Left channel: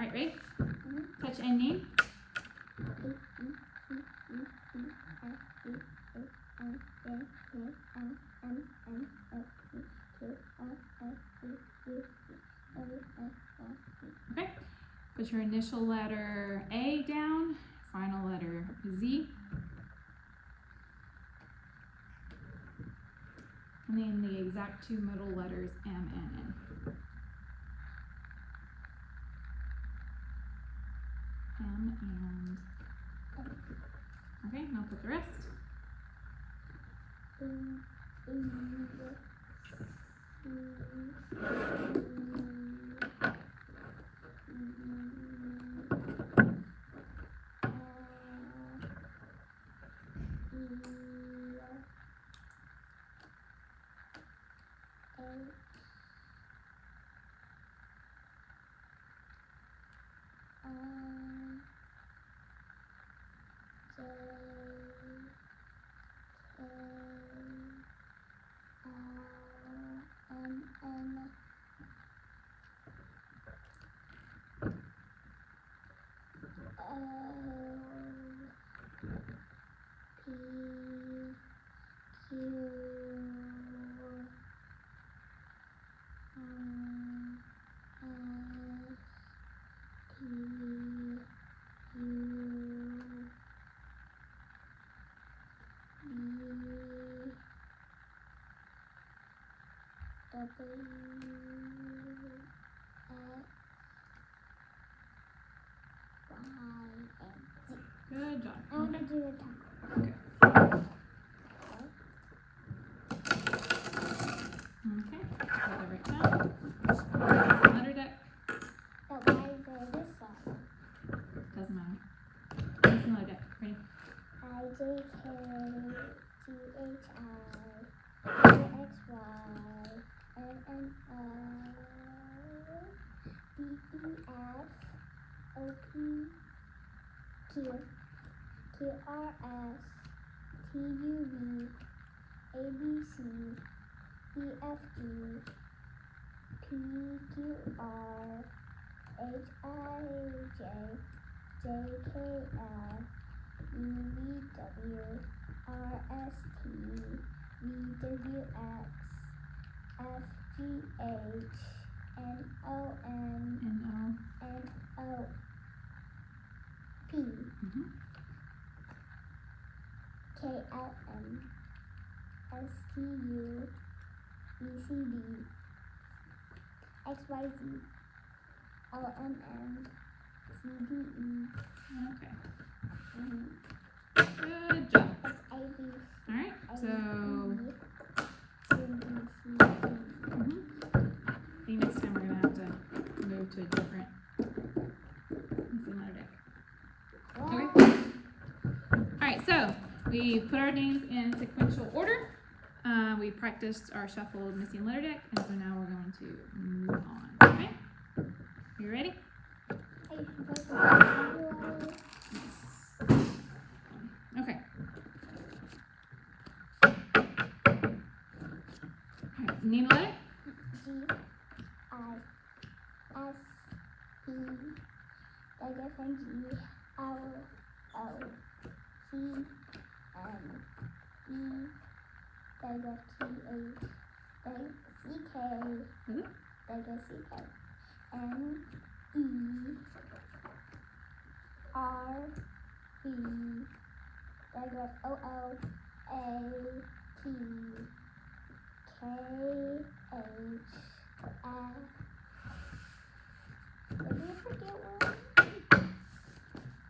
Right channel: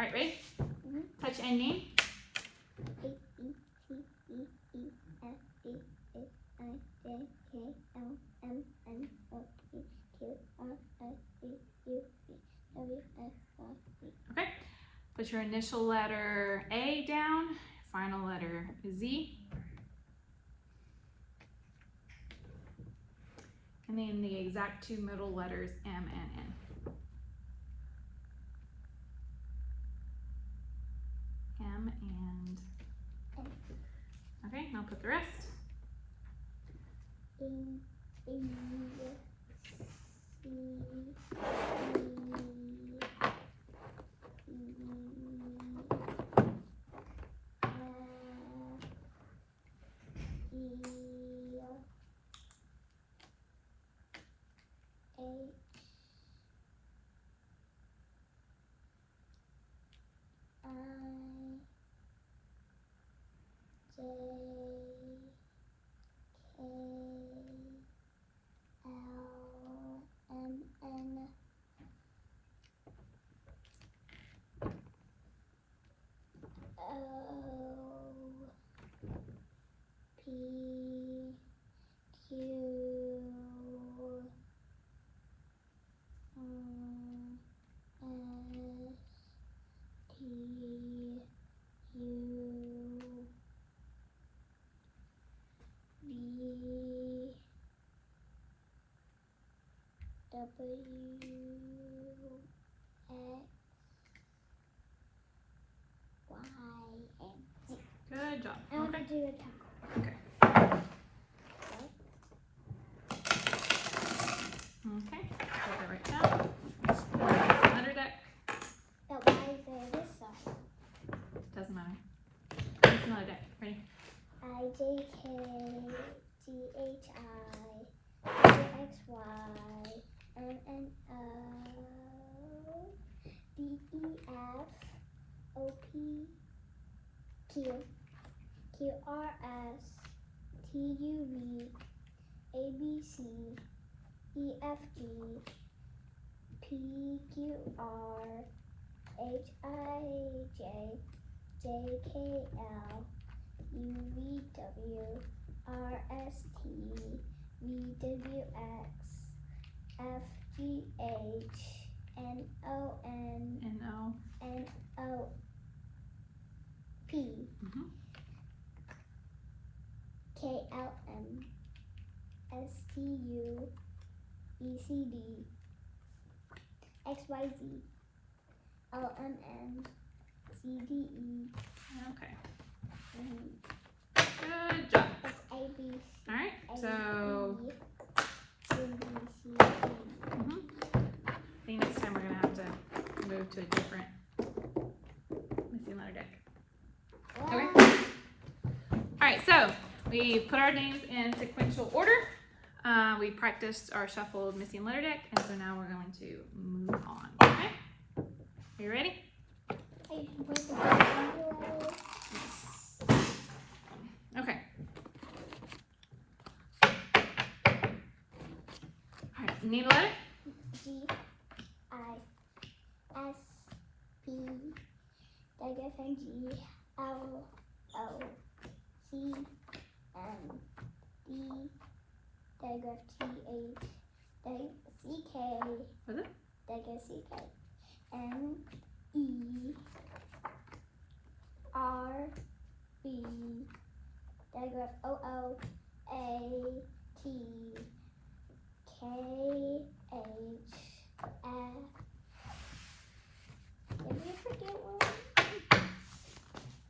Alright, ready? Touch and name. Okay. Put your initial letter A down, final letter Z. And name the exact two middle letters M and N. M and N. Okay, now put the rest. Good job. I want to do a taco. Okay. Okay. Put that right down. Under deck. But why is there this side? Doesn't matter. It's another deck. Ready? Okay. Good job. Alright, so I think this time we're going to have to move to a different missing letter deck. Okay. Alright, so we put our names in sequential order. We practiced our shuffled missing letter deck, and so now we're going to move on. Okay? You ready? Okay. Alright, name the letter? Was it?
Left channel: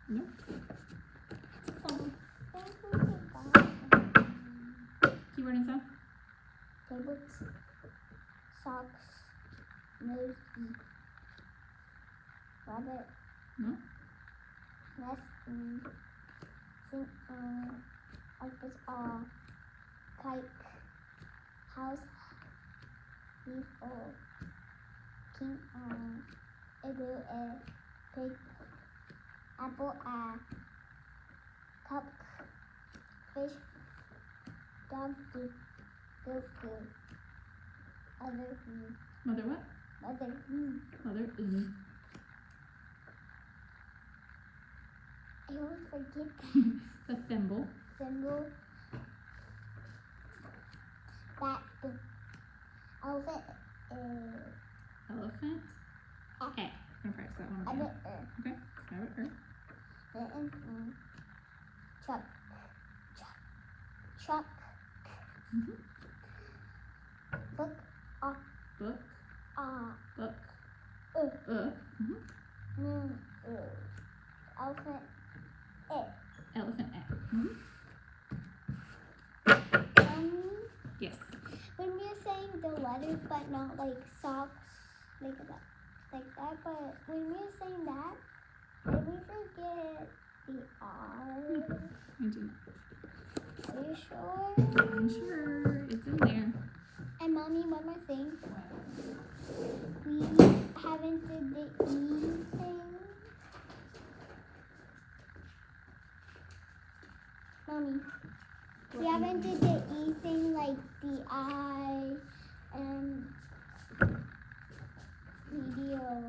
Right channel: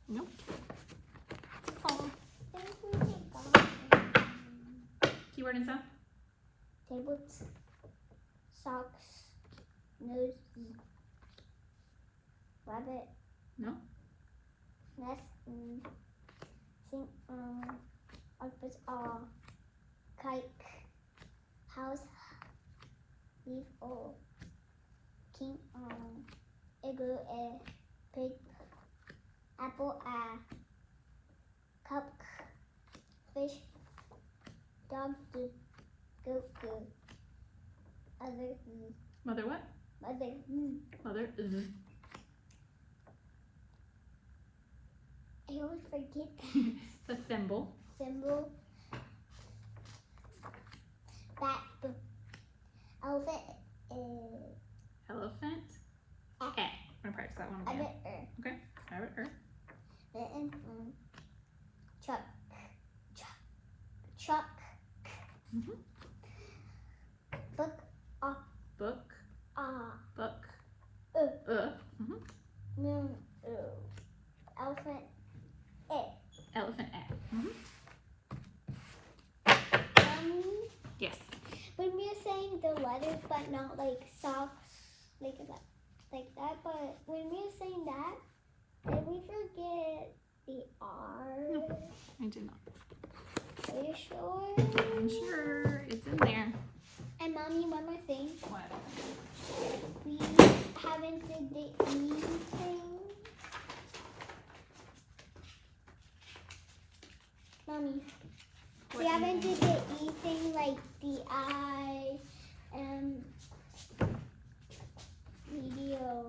Nope. Keyword and sound? Tablets, socks, nose, rabbit, No. nest, sing, octopus, kite, house, leaf, king, igloo, pig, apple, cup, fish, dog, goat, other, Mother what? mother, Mother. forget It's a thimble. symbol. That the elephant is Elephant. Eh. Eh. I'm gonna practice that one a again. bit Rabbit. and truck. Truck. Mhm. Book. Book. Book. Mhm. No. Elephant. Elephant. Eh. Mhm. Yes. When we're saying the letters, but not like socks, like that. But when we're saying that, did we forget the R? I do not. Are you sure? I'm sure it's in there. And mommy, one more thing. What? We haven't did the E thing. Mommy, we haven't did the E thing like the I and medial.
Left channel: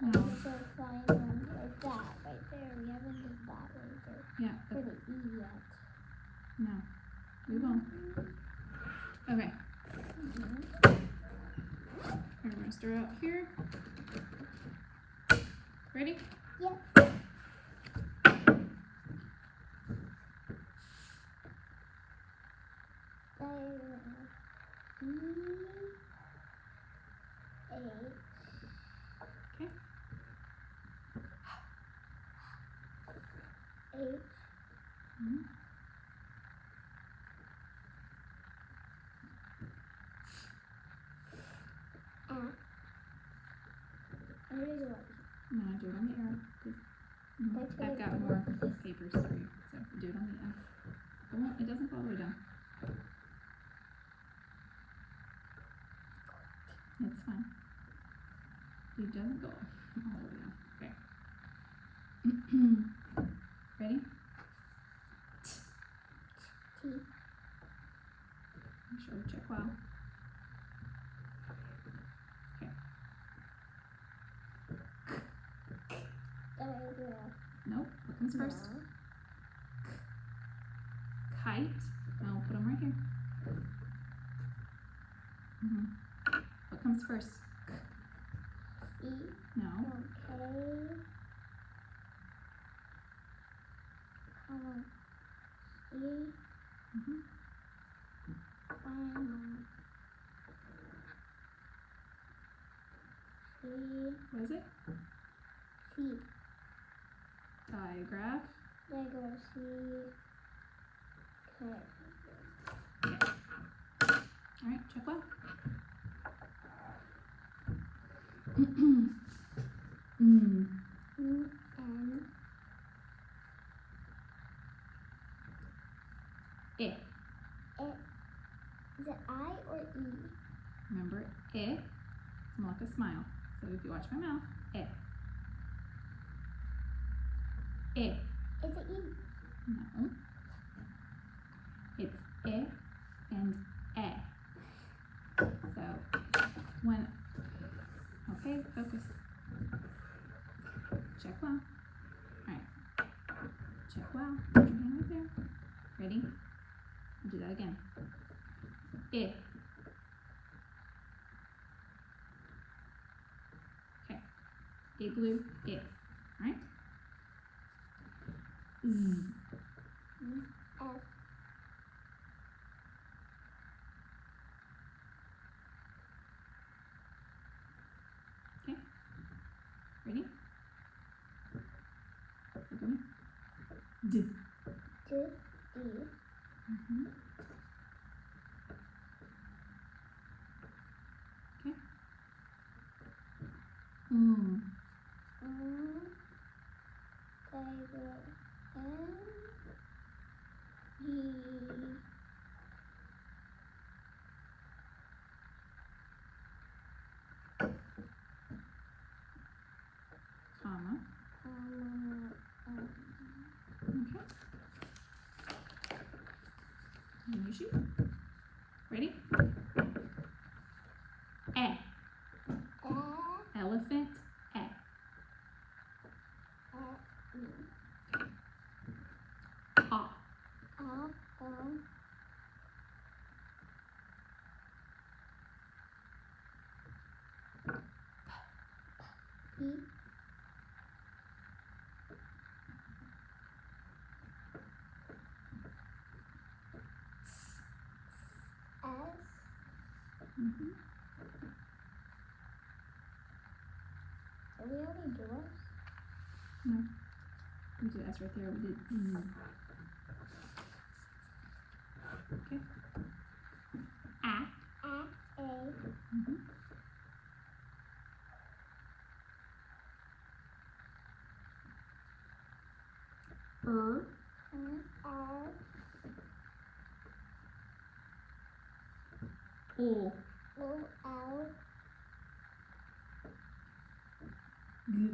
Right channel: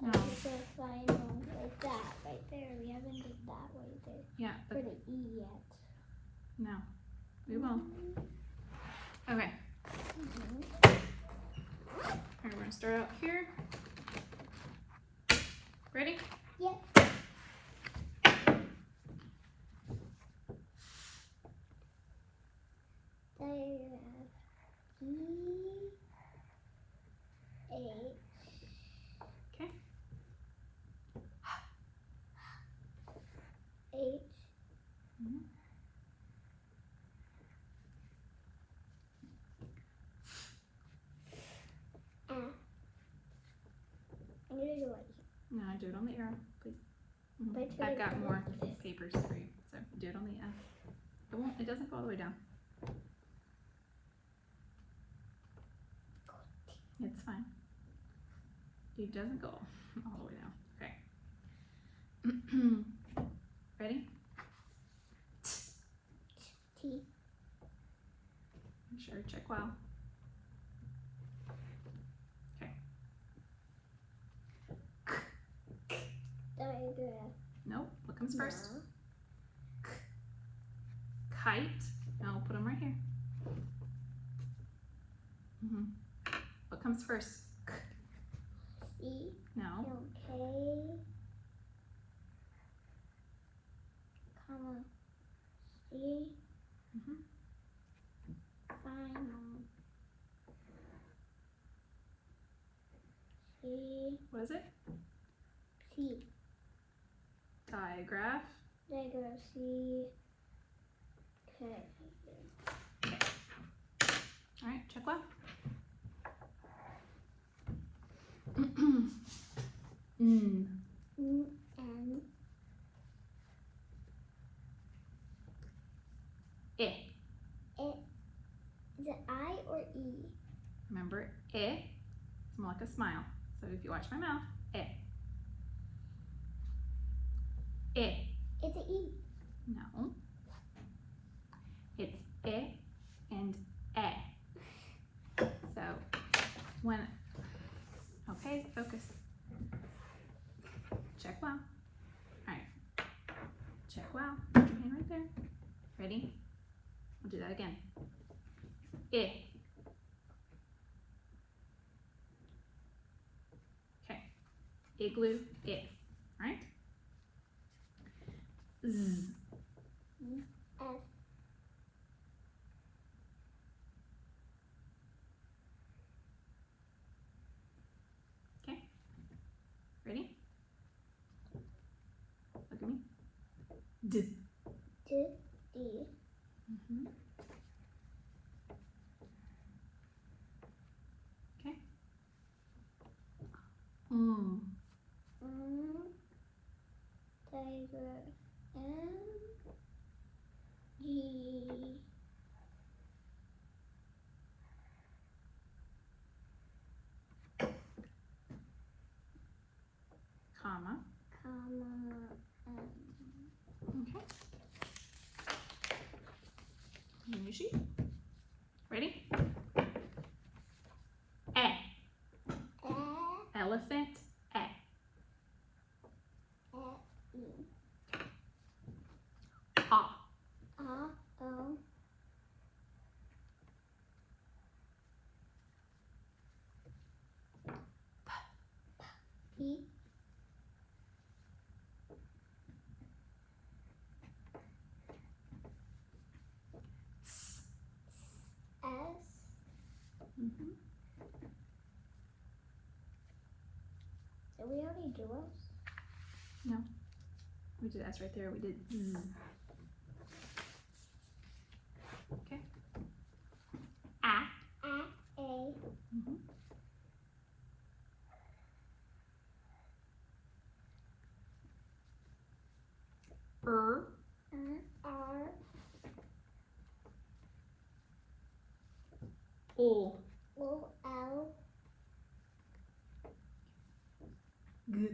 No. The final like that right there. We haven't did that right there Yeah. for the E yet. No. We will. Okay. Mm-hmm. Alright, we're gonna start out here. Ready? Yep. E H. Okay. H. Mhm. I'm gonna do it. No, do it on the arrow, please. Mhm. Wait, I've got more papers for you, so do it on the end. It doesn't fall all the way down. It's fine. It doesn't go all the way down. Okay. Ready? T. Make sure, check wow. Diagram. Nope. What comes first? No. Kite. No, put them right here. What comes first? E. No. Okay. Come on. E. Mhm. Final. C. What is it? C. Digraph. Letter C. Okay. Alright, check well. E. N. Eh. Is it I or E? Remember, eh? It's more like a smile. So if you watch my mouth, eh. Eh. It's an E. No. It's eh and eh. So when, okay, focus. Check well. Alright. Check well. Put your hand right there. Ready? I'll do that again. Eh. Okay. Igloo, eh. Alright? Z. F. Ready? Look at me. D. D. D. Mm-hmm. Okay. Tiger. N. G. Comma. N. Okay. New sheet. Ready? Eh. Elephant. Eh. E. E. S. Mm-hmm. Did we already do us? We did S right there. We did Z. Okay. A. A. Mm-hmm. R. R. O. O. L. G.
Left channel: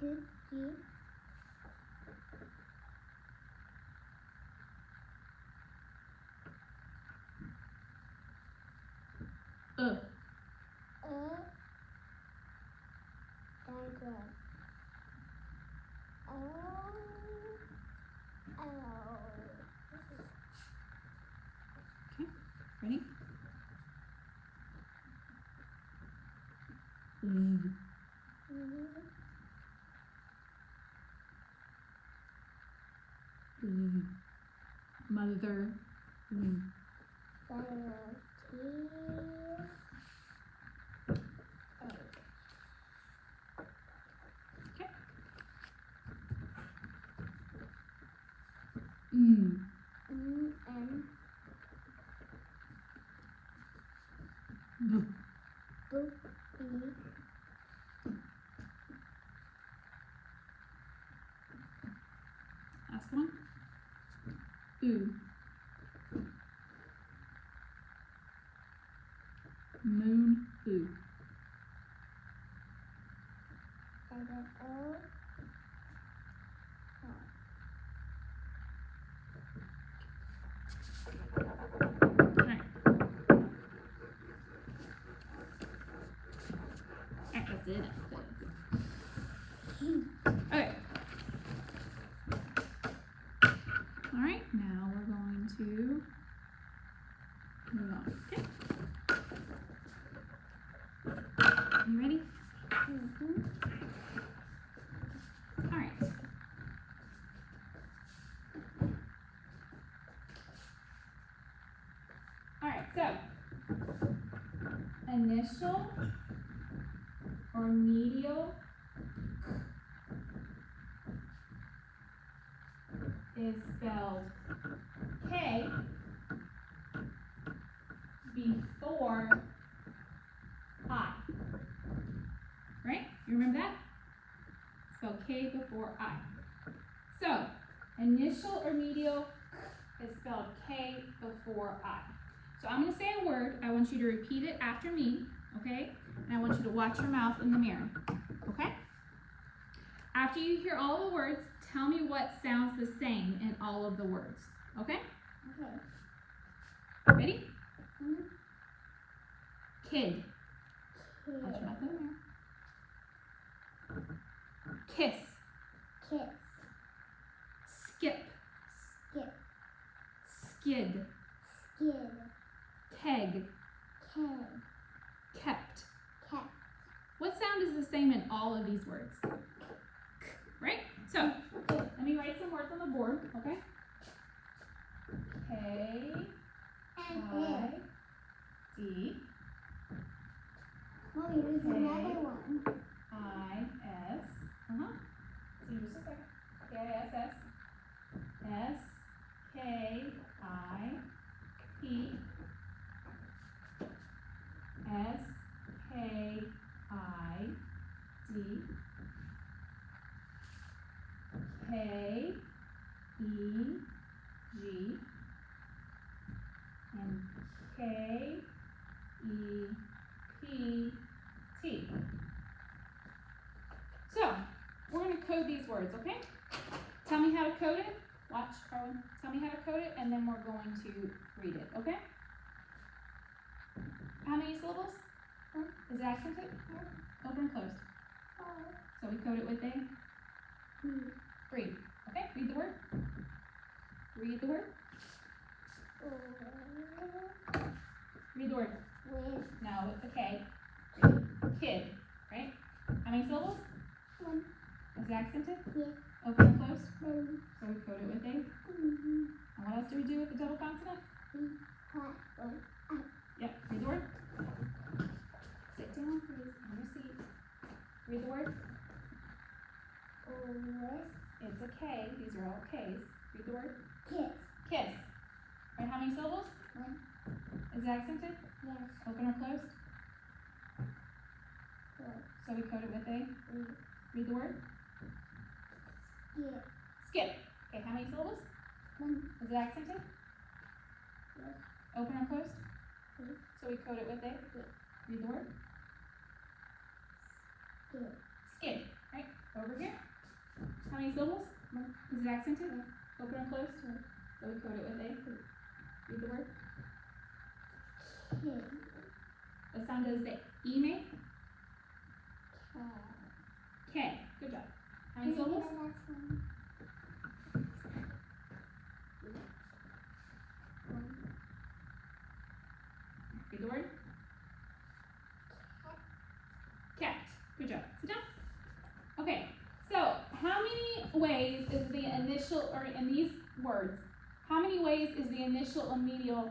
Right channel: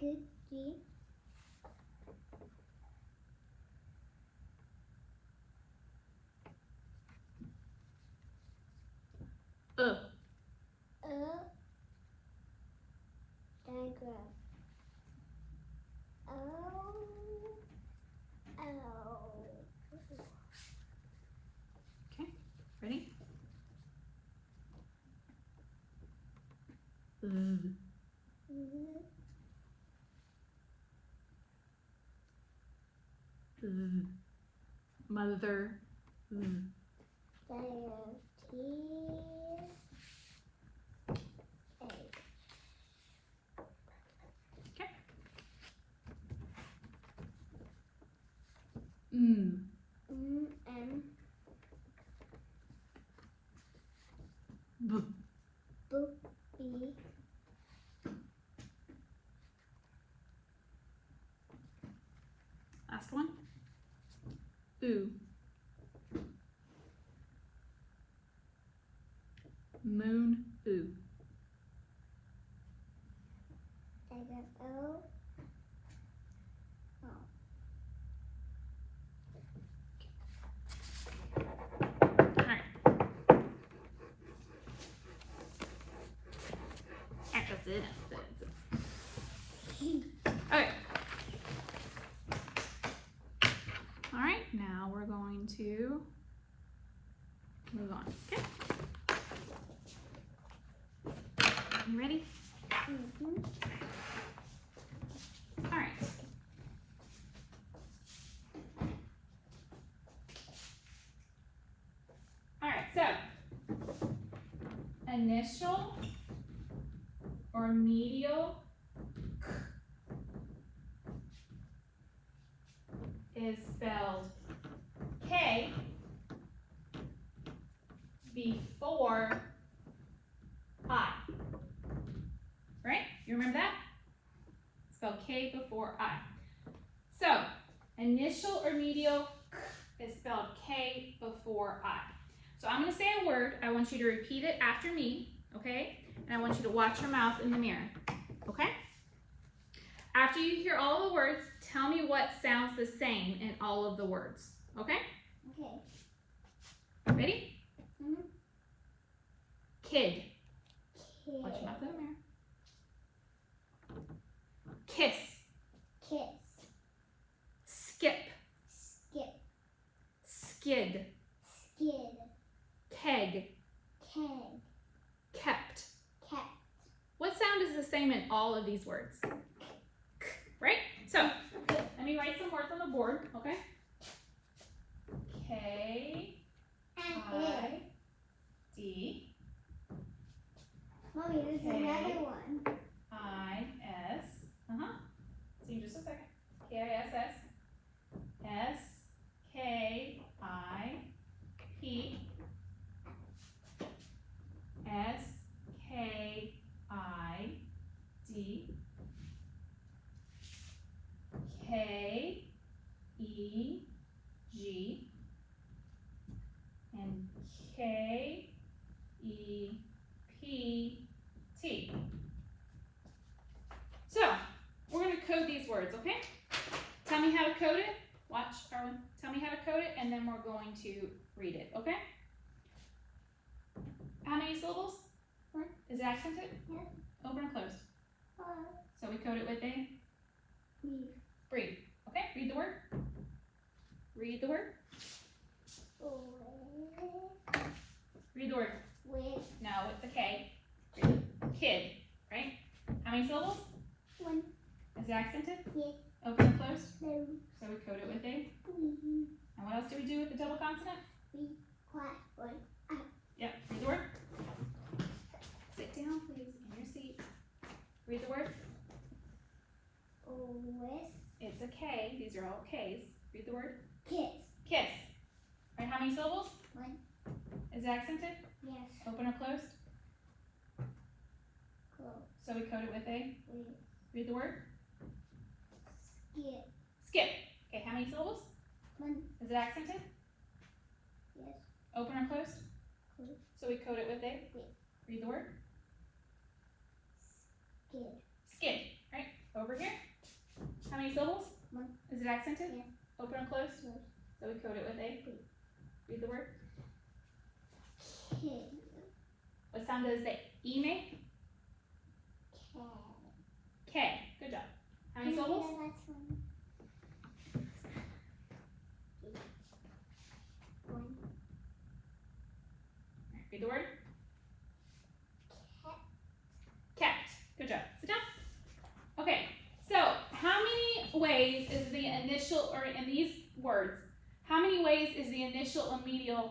G. G. Diagram. Ready? Mother. M. B. B. Last one. Oo. Moon. Oo. And then O. Alright. Alright, that's it. Okay. Alright, now we're going to move on. Okay. You ready? Alright. Alright, so initial or medial is spelled K before I. Right? You remember that? Spell K before I. So, initial or medial is spelled K before I. So I'm going to say a word. I want you to repeat it after me, okay? And I want you to watch your mouth in the mirror, okay? After you hear all the words, tell me what sounds the same in all of the words, okay? Okay. Ready? Kid. Kid. Watch your mouth in the mirror. Kiss. Kiss. Skip. Skip. Skid. Skid. Keg. Keg. Kept. Kept. What sound is the same in all of these words? Right? So, let me write some words on the board, okay? K, I, D, Mommy, there's another one. I, S, see you in just a second. K-I-S-S, S, K, I, P, S, K, I, D, K, E, G, and K, E, P, T. So, we're going to code these words, okay? Tell me how to code it. Watch, Carlin. Tell me how to code it, and then we're going to read it, okay? How many syllables? Is it accented? Open and closed. So we code it with a breathe. Okay, read the word. Read the word. Read the word. With. No, it's a K. Kid, right? How How many syllables? One. Is it accented? Yes. Open or closed? No. So we code it with a. Mm-hmm. And what else do we do with the double consonants? Class one. Yep. Read the word. Sit down, please, in your seat. Read the word. With It's a K. These are all K's. Read the word. kiss. Kiss. Right, how many syllables? One. Is it accented? Yes. Open or closed? Close. So we code it with a. With Read the word. skip. Skip. Okay, how many syllables? One. Is it accented? Yes. Open or closed? Yes. So we code it with a. Yes. Read the word. Skip. Skip. Right, over here. How many syllables? One. Is it accented? Yes. Open or closed? Yes. So we code it with a. Read the word. Kid. What sound does the E make? Cat. K. Good job. How many syllables? That's one. One. Read the word. Cat. Cat. Good job. Sit down. Okay, so how many ways is the initial, or in these words, how many ways is the initial and medial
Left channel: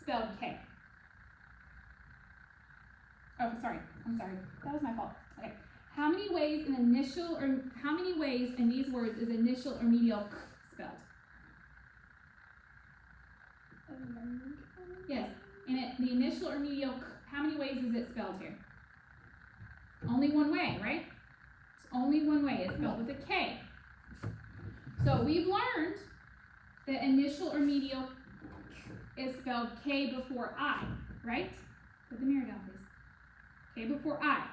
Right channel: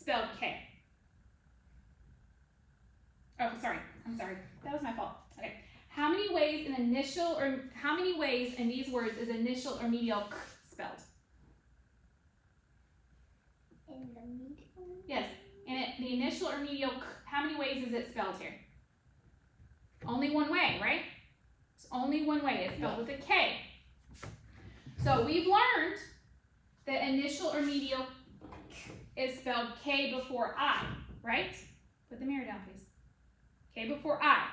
spelled K? Oh, sorry. I'm sorry. That was my fault. Okay. How many ways in initial, or how many ways in these words is initial or medial spelled? In the middle. Yes. And the initial or medial, how many ways is it spelled here? Only one way, right? It's only one way. It's spelled with a K. So we've learned that initial or medial is spelled K before I, right? Put the mirror down, please. K before I.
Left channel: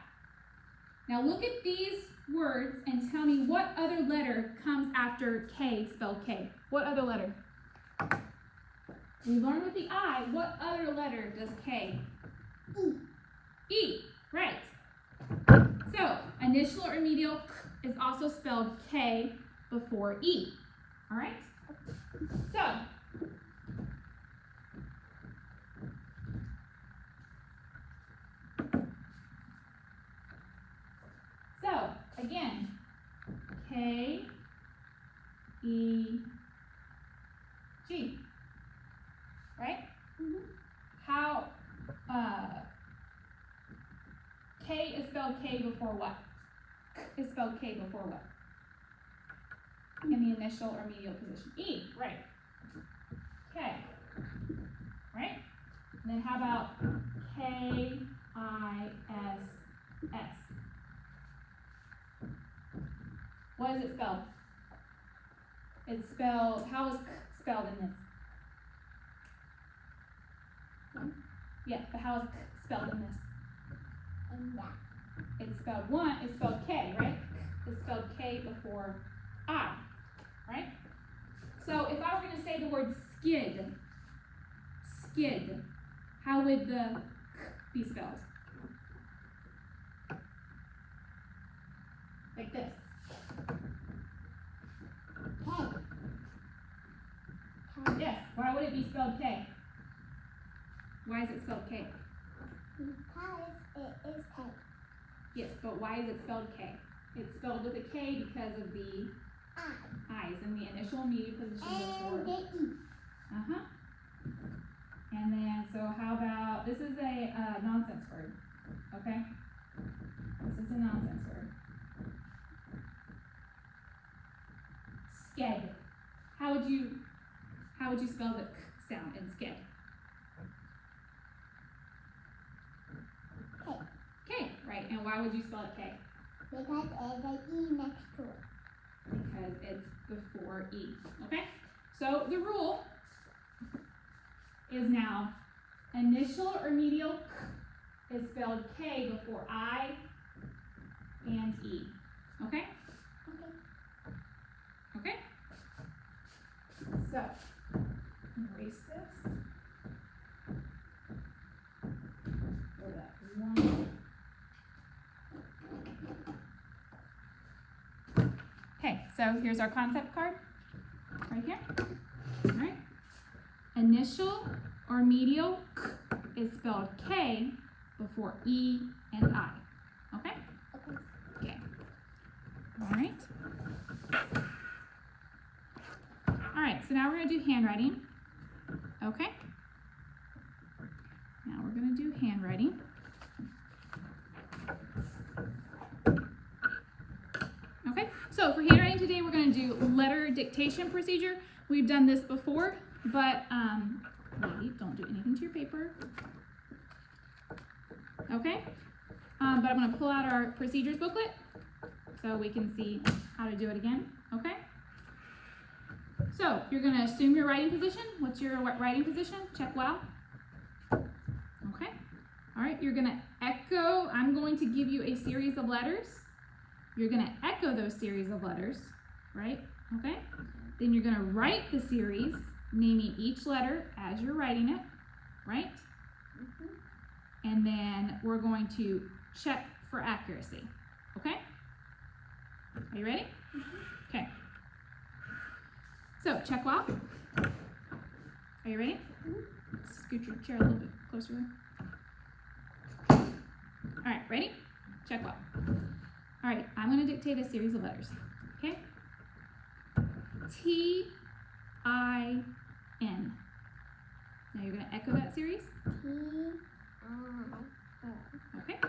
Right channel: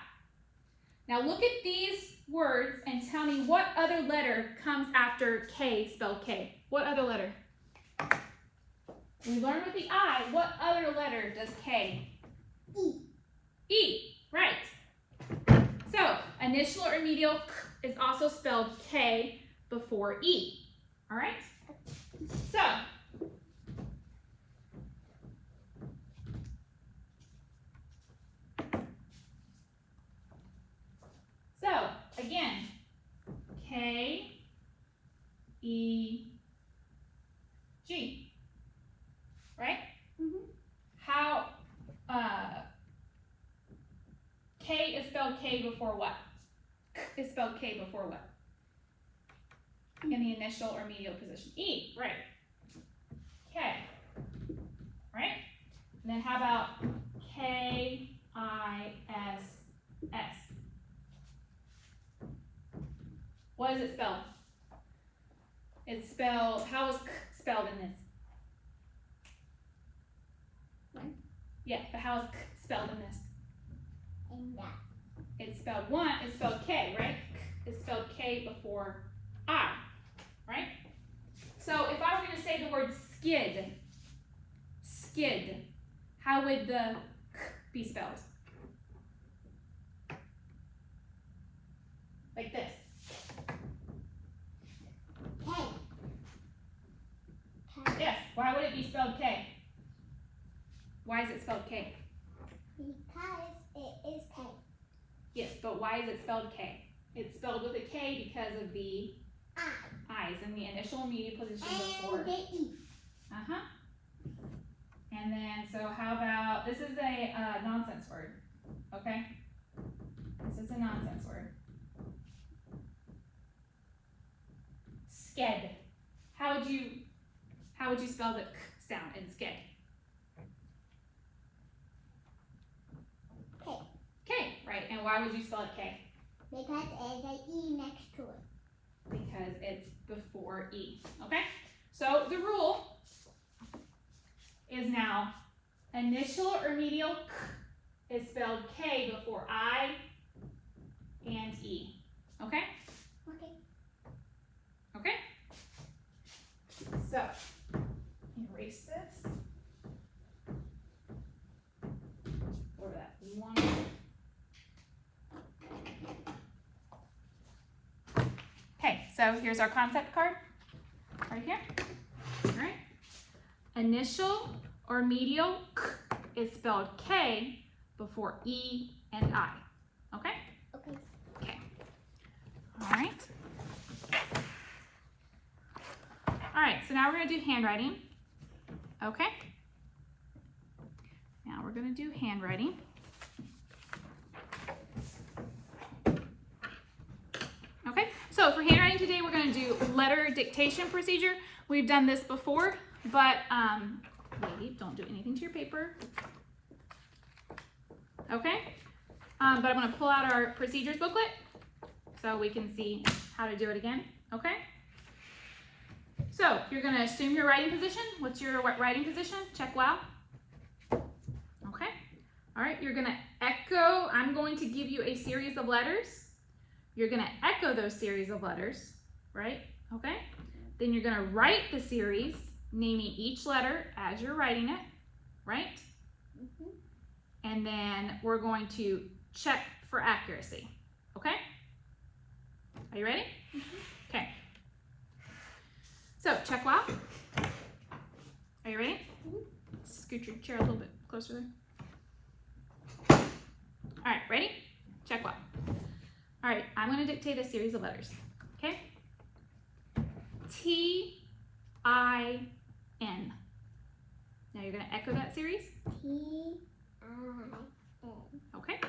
Now look at these words and tell me what other letter comes after K spelled K. What other letter? We learned with the I, what other letter does K? E. E, right. So, initial or medial is also spelled K before E. All right? So, again, K, E, G. Right? Mm-hmm. How, K is spelled K before what? Is spelled K before what? In the initial or medial position. E, right. K. Right? And then how about K-I-S-S? What is it spelled? It's spelled, how is K spelled in this? Yeah, but how is K spelled in this? And that. It's spelled one, it's spelled K, right? It's spelled K before I, right? So if I were going to say the word skid, how would the K be spelled? Like this. K. Yes, why would it be spelled K? Why is it spelled K? Because it is K. Yes, but why is it spelled K? It's spelled with a K because of the I's in the initial and medial position before. And the E. Uh-huh. And then, so how about, this is a nonsense word, okay? This is a nonsense word. Sked. How would you spell the K sound in sked? K. K, right, and why would you spell it K? Because there's an E next to it. Because it's before E, okay? So the rule is now initial or medial K is spelled K before I and E, okay? Okay. Okay? So, erase this. Or that one. Okay, so here's our concept card. Right here. Alright. Initial or medial K is spelled K before E and I. Okay? Okay. so now we're going to do handwriting. Okay. Now we're going to do handwriting. Okay, so for handwriting today, we're going to do letter dictation procedure. We've done this before, but wait, don't do anything to your paper. Okay, but I'm going to pull out our procedures booklet so we can see how to do it again. Okay, so you're going to assume your writing position. What's your writing position? Check wow. Okay, all right, you're going to echo. I'm going to give you a series of letters. You're going to echo those series of letters, right? Okay, then you're going to write the series, naming each letter as you're writing it, right? And then we're going to check for accuracy, okay? Are you ready? Okay. So, check wow. Are you ready? Scoot your chair a little bit closer. All right, ready? Check wow. All right, I'm going to dictate a series of letters, okay? T-I-N. Now you're going to echo that series. T-I-N. Okay.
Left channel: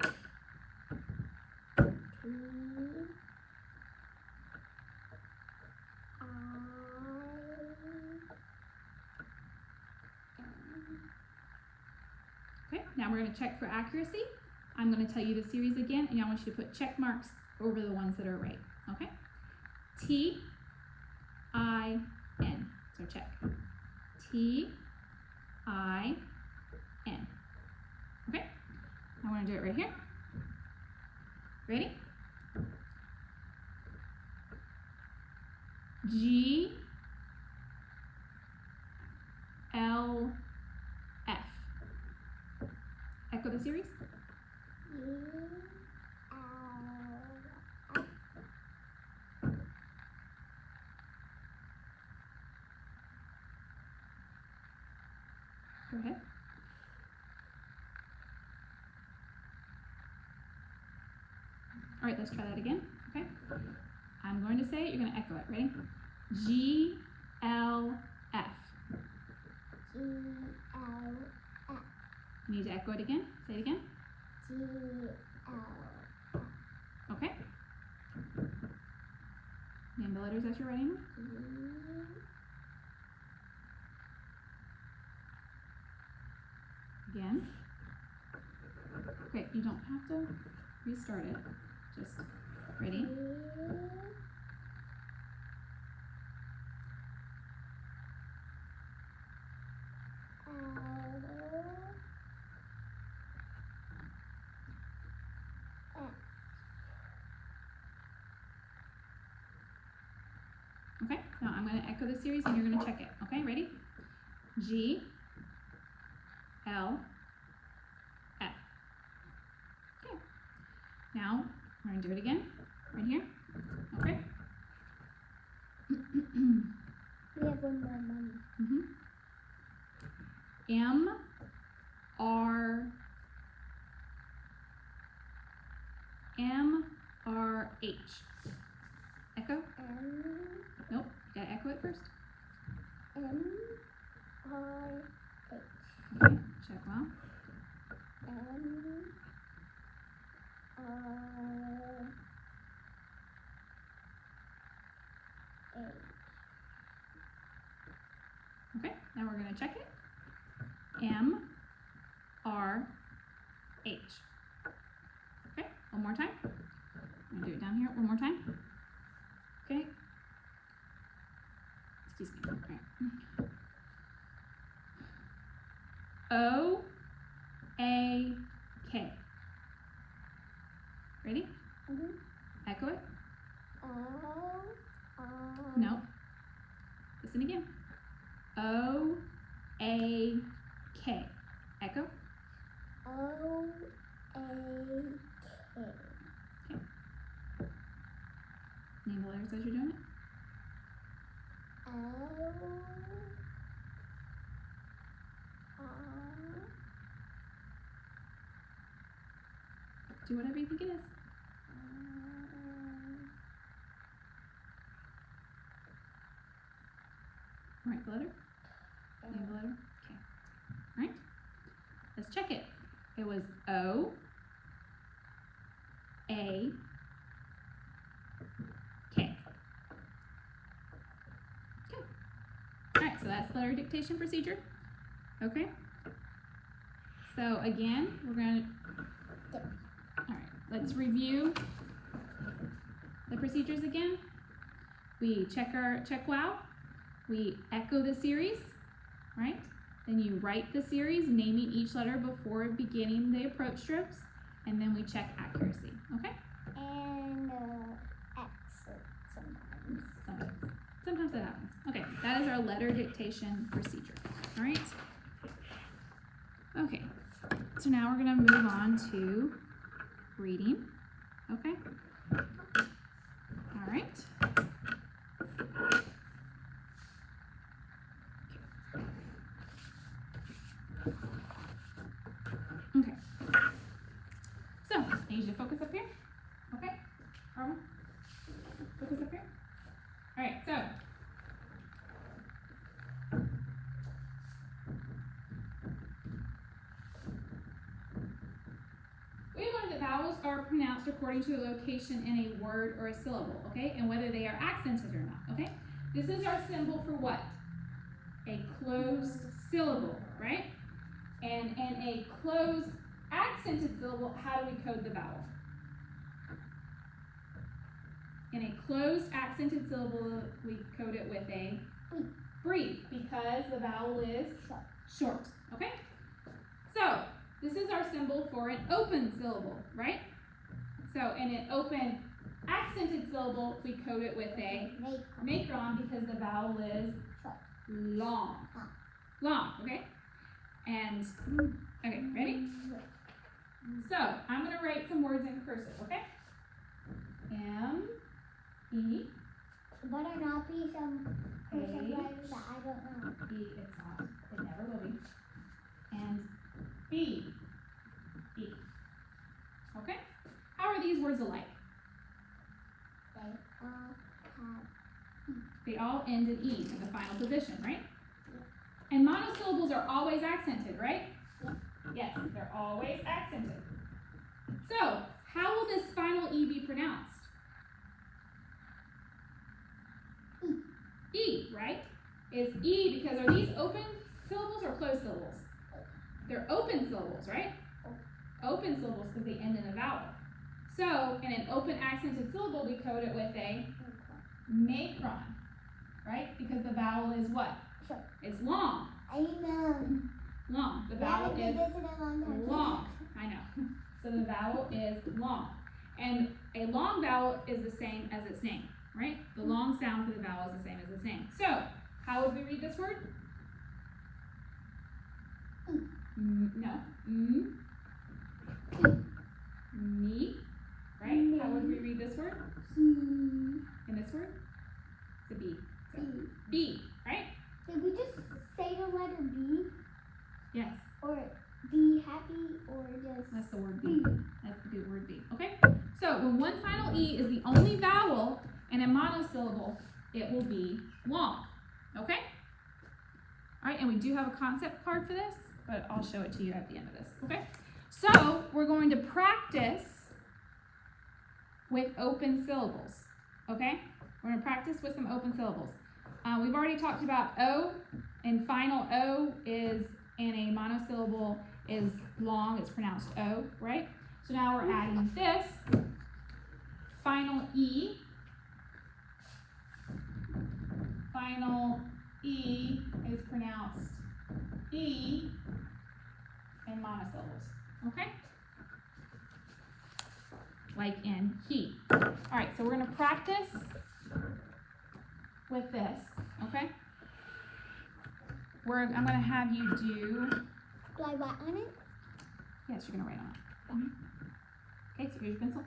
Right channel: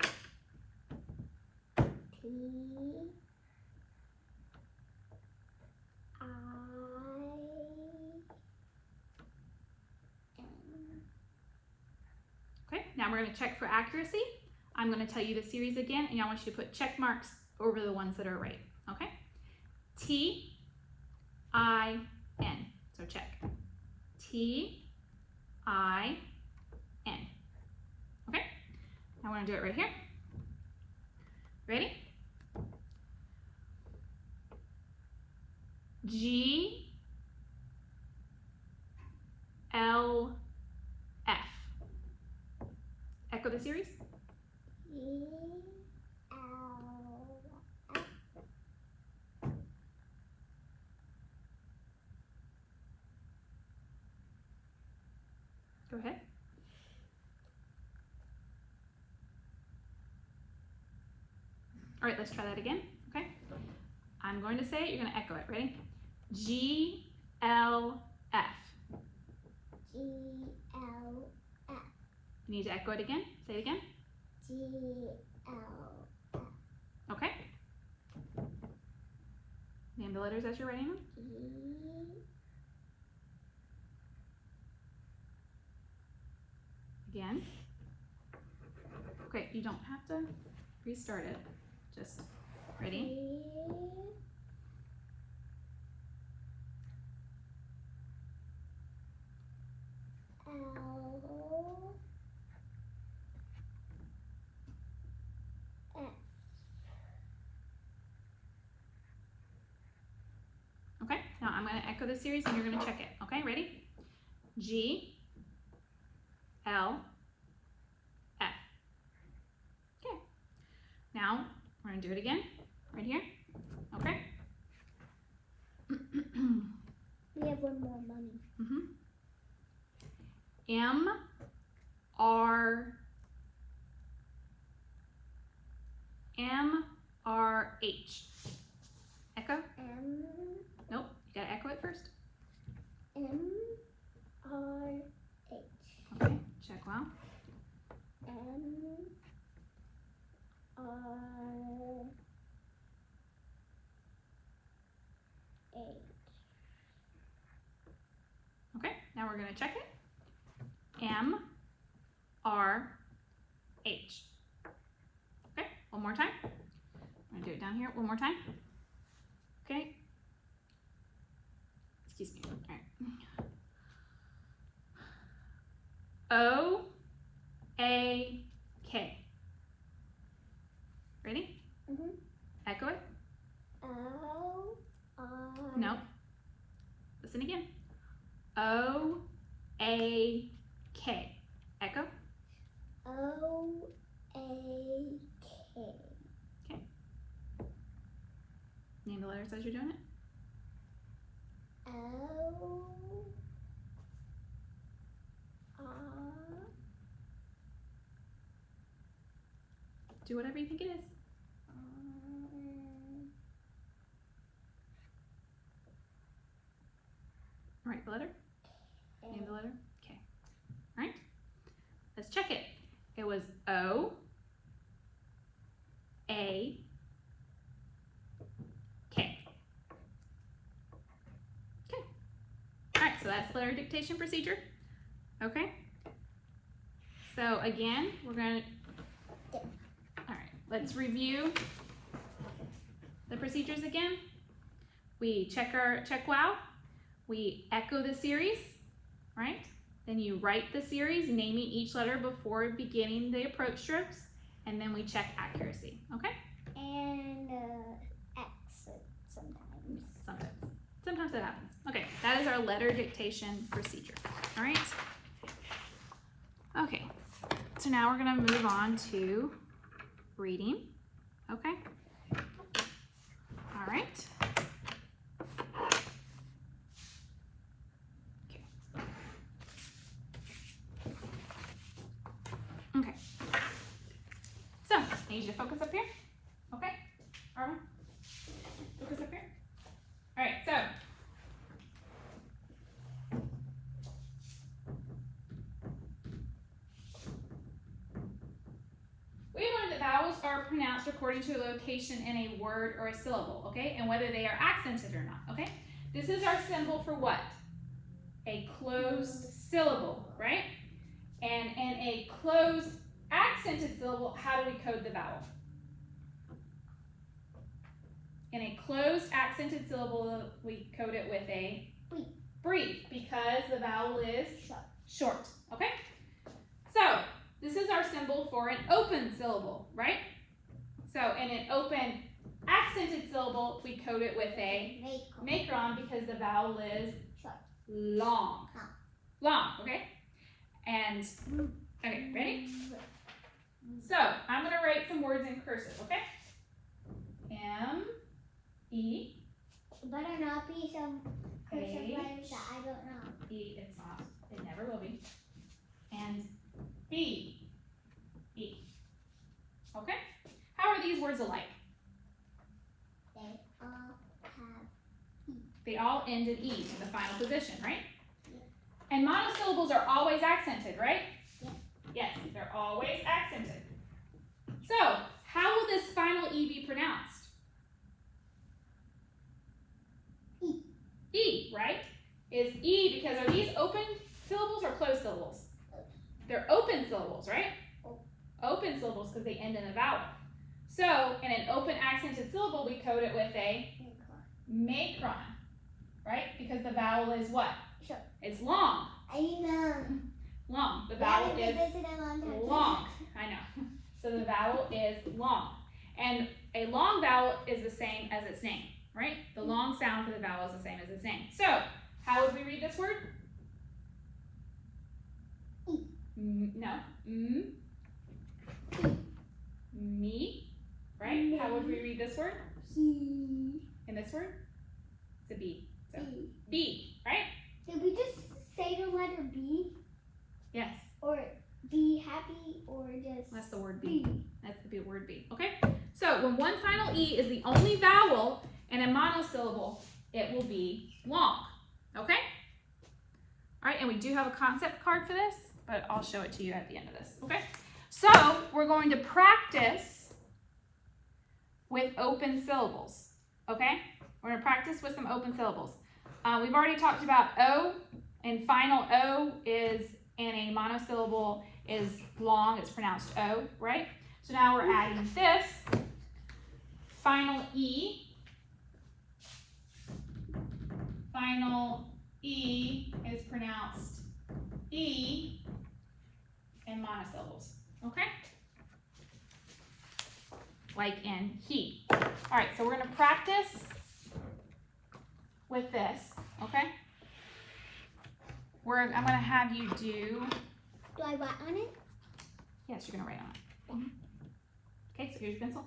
Okay, now we're going to check for accuracy. I'm going to tell you the series again, and I want you to put check marks over the ones that are right. Okay? T-I-N. So check. T-I-N. Okay? I want to do it right here. Ready? G-L-F. Echo the series. Go ahead. All right, let's try that again. Okay. I'm going to say it, you're going to echo it. Ready? G-L-F. G-L-F. You need to echo it again. Say it again. G-L-F. Okay. Name the letters as you're writing them. Again. Great, you don't have to restart it. Just ready. Okay, now I'm going to echo the series and you're going to check it. Okay, ready? G, L, F. Okay. Now we're going to do it again. Right here. Okay. We have one more, Mom. M, R, M, R, H. Echo? M. Nope, you gotta echo it first. M. R. H. Okay, check wow. M. R. H. Okay, now we're gonna check it. M, R, H. Okay, one more time. I'm gonna do it down here one more time. Okay. Excuse me. All right. O, A, K. Ready? Echo it. O. R. No. Listen again. O, A, K. Echo. O. A. K. Name the letters as you're doing it. O. R. Do whatever you think it is. Write the letter. Name the letter. Okay. All right. Let's check it. It was O, A, K. Okay. All right, so that's letter dictation procedure. Okay. So again, we're going to, all right, let's review the procedures again. We check wow. We echo the series, right? Then you write the series, naming each letter before beginning the approach strokes, and then we check accuracy, okay? And exit sometimes. Sometimes that happens. Okay, that is our letter dictation procedure, all right? Okay, so now we're gonna move on to reading, okay? All right. Okay. So, I need you to focus up here. Okay? Arma? Focus up here. Alright, so. We learned that vowels are pronounced according to a location in a word or a syllable, okay? And whether they are accented or not, okay? This is our symbol for what? A closed syllable, right? And in a closed accented syllable, how do we code the vowel? In a closed accented syllable, we code it with a brief because the vowel is short. Okay? So, this is our symbol for an open syllable, right? So, in an open accented syllable, we code it with a macron because the vowel is long. Long, okay? And, okay, ready? So, I'm going to write some words in cursive, okay? M, E. Better not be some cursive H, letters that I don't know. E, it's not. It never will be. And B, E. Okay? How are these words alike? They all end in E in the final position, right? And monosyllables are always accented, right? Yes, they're always accented. So, how will this final E be pronounced? E, right? Is E because are these open syllables or closed syllables? They're open syllables, right? Open syllables because they end in a vowel. So, in an open accented syllable, we code it with a macron, right? Because the vowel is what? It's long. I know. Long. The vowel is long. long. I know. So the vowel is long. And a long vowel is the same as its name, right? The long sound for the vowel is the same as its name. So, how would we read this word? No. Me. Right? How would we read this word? And this word? It's a B. So, B, right? Did we just say the letter B? Yes. Or be happy or just That's the word B. That's the word B. Okay? So when one final E is the only vowel in a monosyllable, it will be long. Okay? Alright, and we do have a concept card for this, but I'll show it to you at the end of this. Okay? So we're going to practice with open syllables. Okay? We're going to practice with some open syllables. We've already talked about O, and final O is in a monosyllable is long, it's pronounced O, right? So now we're adding this. Final E. Final E is pronounced E in monosyllables, okay? Like in he. All right, so we're gonna practice with this, okay? I'm gonna have you do. Do I write on it? Yes, you're gonna write on it. Okay, so here's your pencil.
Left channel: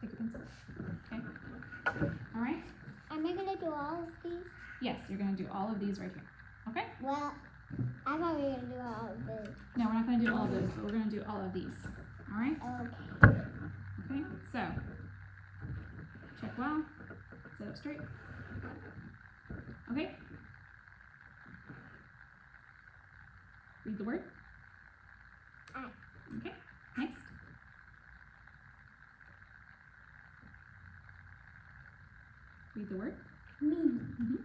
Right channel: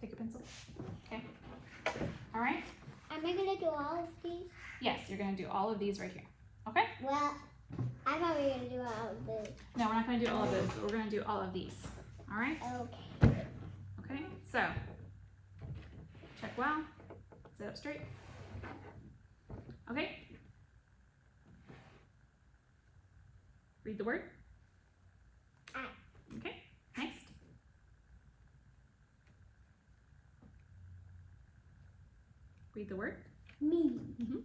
Take your pencil. Okay. All right. Am I gonna do all of these? Yes, you're gonna do all of these right here. Okay. Well, I thought we were gonna do all of those. No, we're not gonna do all of those, but we're gonna do all of these. All right. Okay. Okay. So check well. Sit up straight. Okay. Read the word. I. Okay, next. Read the word. Me. Mm-hmm.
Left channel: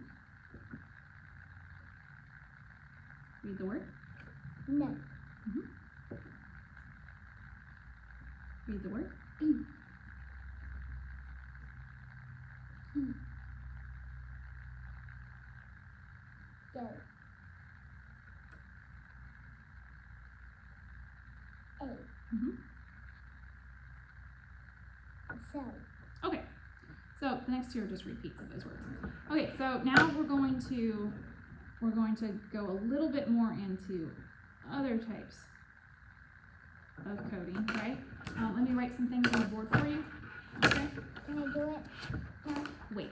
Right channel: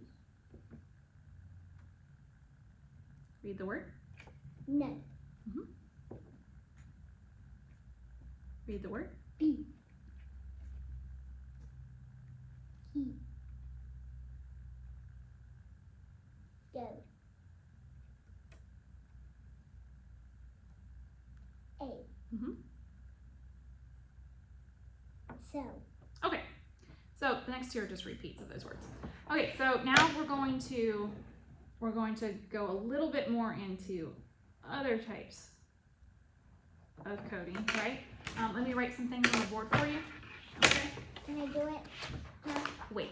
Read the word. No. Mm-hmm. Read the word. B. He. Go. A. Mm-hmm. So. Okay, so the next two are just repeats of those words. Okay, so now we're going to go a little bit more into other types of coding, right? Let me write some things on the board for you. Okay. Can I do it? No. Wait,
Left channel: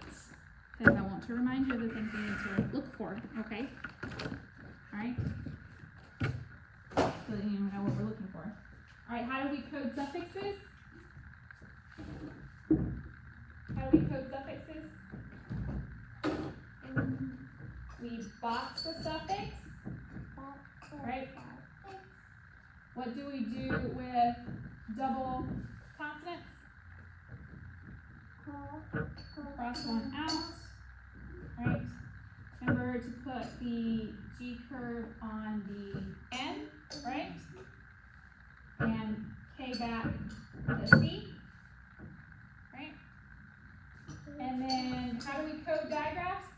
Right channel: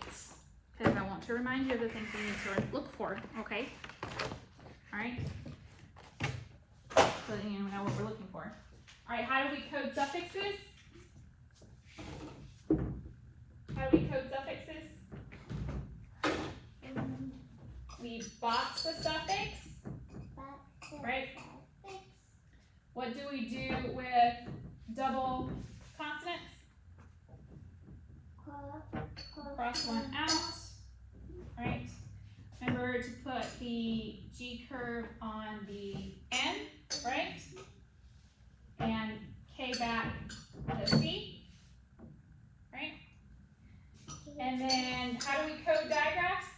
because I want to remind you of the things we need to look for. Okay. All right. So that you know what we're looking for. All right. How do we code suffixes? How do we code suffixes? We box the suffix. Right. What do we do with double consonants? Cross one out. Right. Remember to put the G curve on the N, right? And K back to C. Right? And then how do we code digraphs?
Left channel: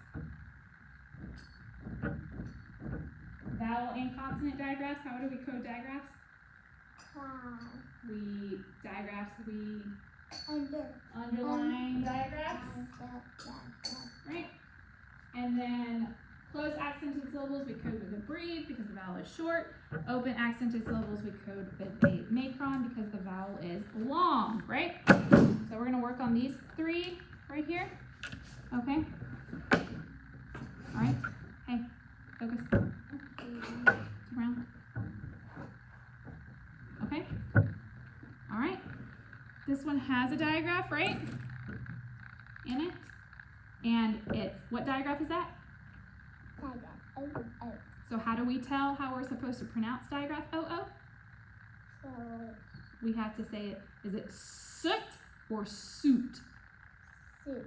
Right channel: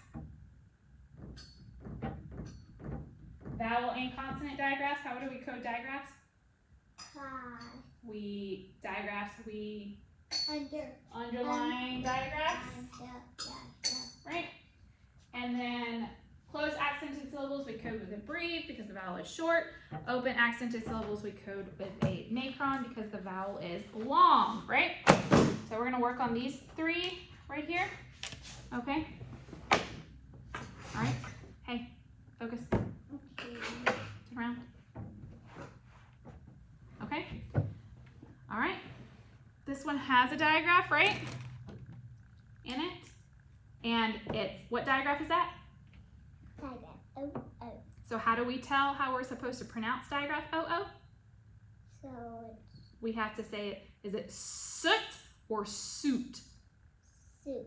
Vowel and consonant digraphs. How do we code digraphs? We underline digraphs, right? And then closed accented syllables we code with a breve because the vowel is short. Open accented syllables we code with a macron because the vowel is long, right? So we're gonna work on these three right here. Okay. All right. Hey, focus. Around. Okay. All right. This one has a digraph, right? In it. And it's, what digraph is that? So how do we tell how we're supposed to pronounce digraph OO? So We have to say it, is it soot or suit? soup.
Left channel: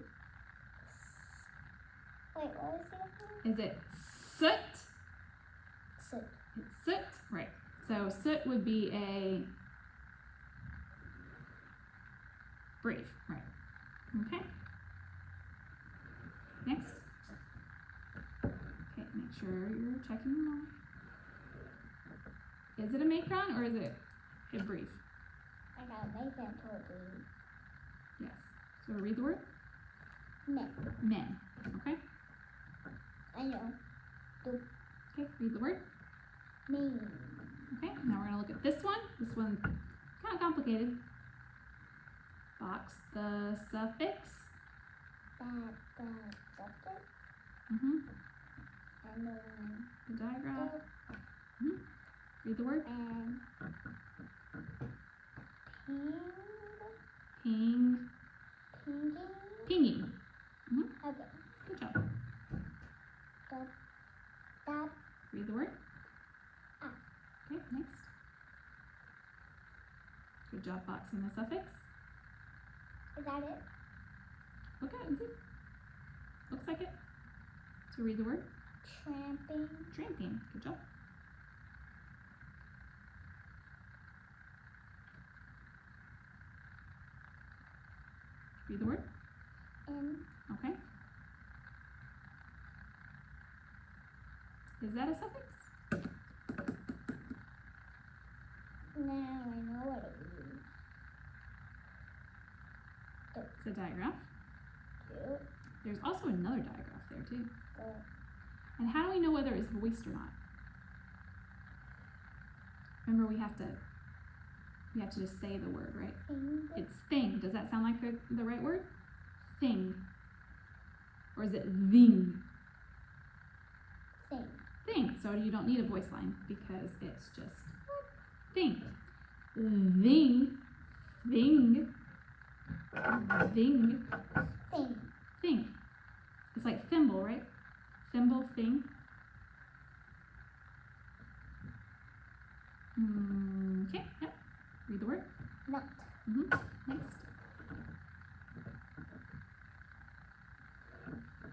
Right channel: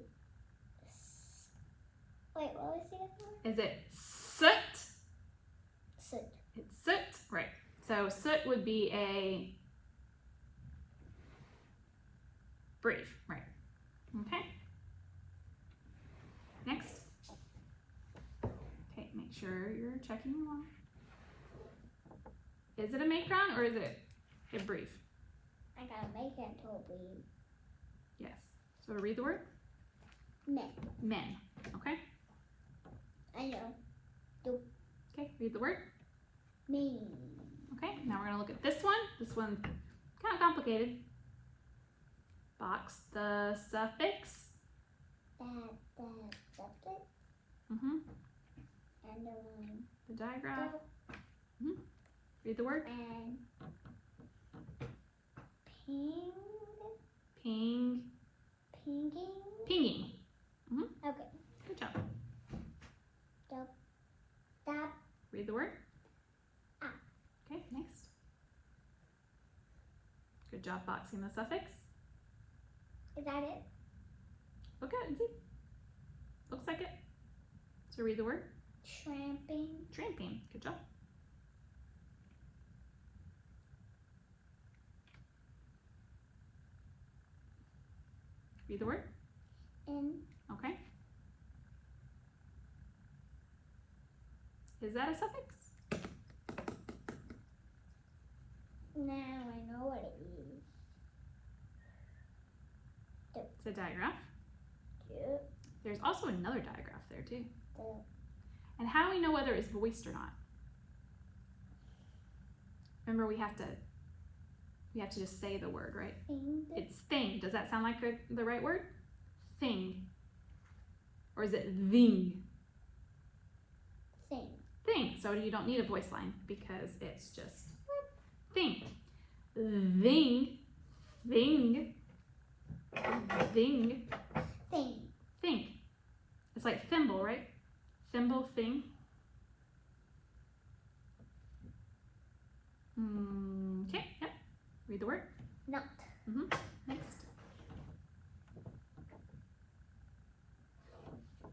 Wait, what was the other one? Is it soot? Soup. It's soot, right. So soot would be a brief, right. Okay. Next. Okay, make sure you're checking along. Is it a macron or is it a brief? I gotta make it into a breed. Yes. So read the word? Men. Men. Okay. I know. Okay, read the word. Me. Okay, now we're gonna look at this one. This one's kind of complicated. Box the suffix. The subject. Mm-hmm. And then The digraph. Mm-hmm. Read the word. and ping. Ping. Pinging. Pinging. Okay. Good job. That. Read the word. Ah. Okay, next. Good job boxing the suffix. Is that it? Look at it and see. Looks like it. So read the word. Tramping. Tramping. Good job. Read the word. In. Okay. Is that a suffix? Now I know what it means. It's a digraph. Cute. There's also another digraph there too. Good. And how do we know whether it's voiced or not? Remember, we have to just say the word, right? Ping. It's thing. Does that sound like the right word? Thing. Or is it thing? Thing. Thing. So you don't need a voice line because it's just thing. Thing. Thing. Thing. Thing. Thing. It's like thimble, right? Thimble, thing.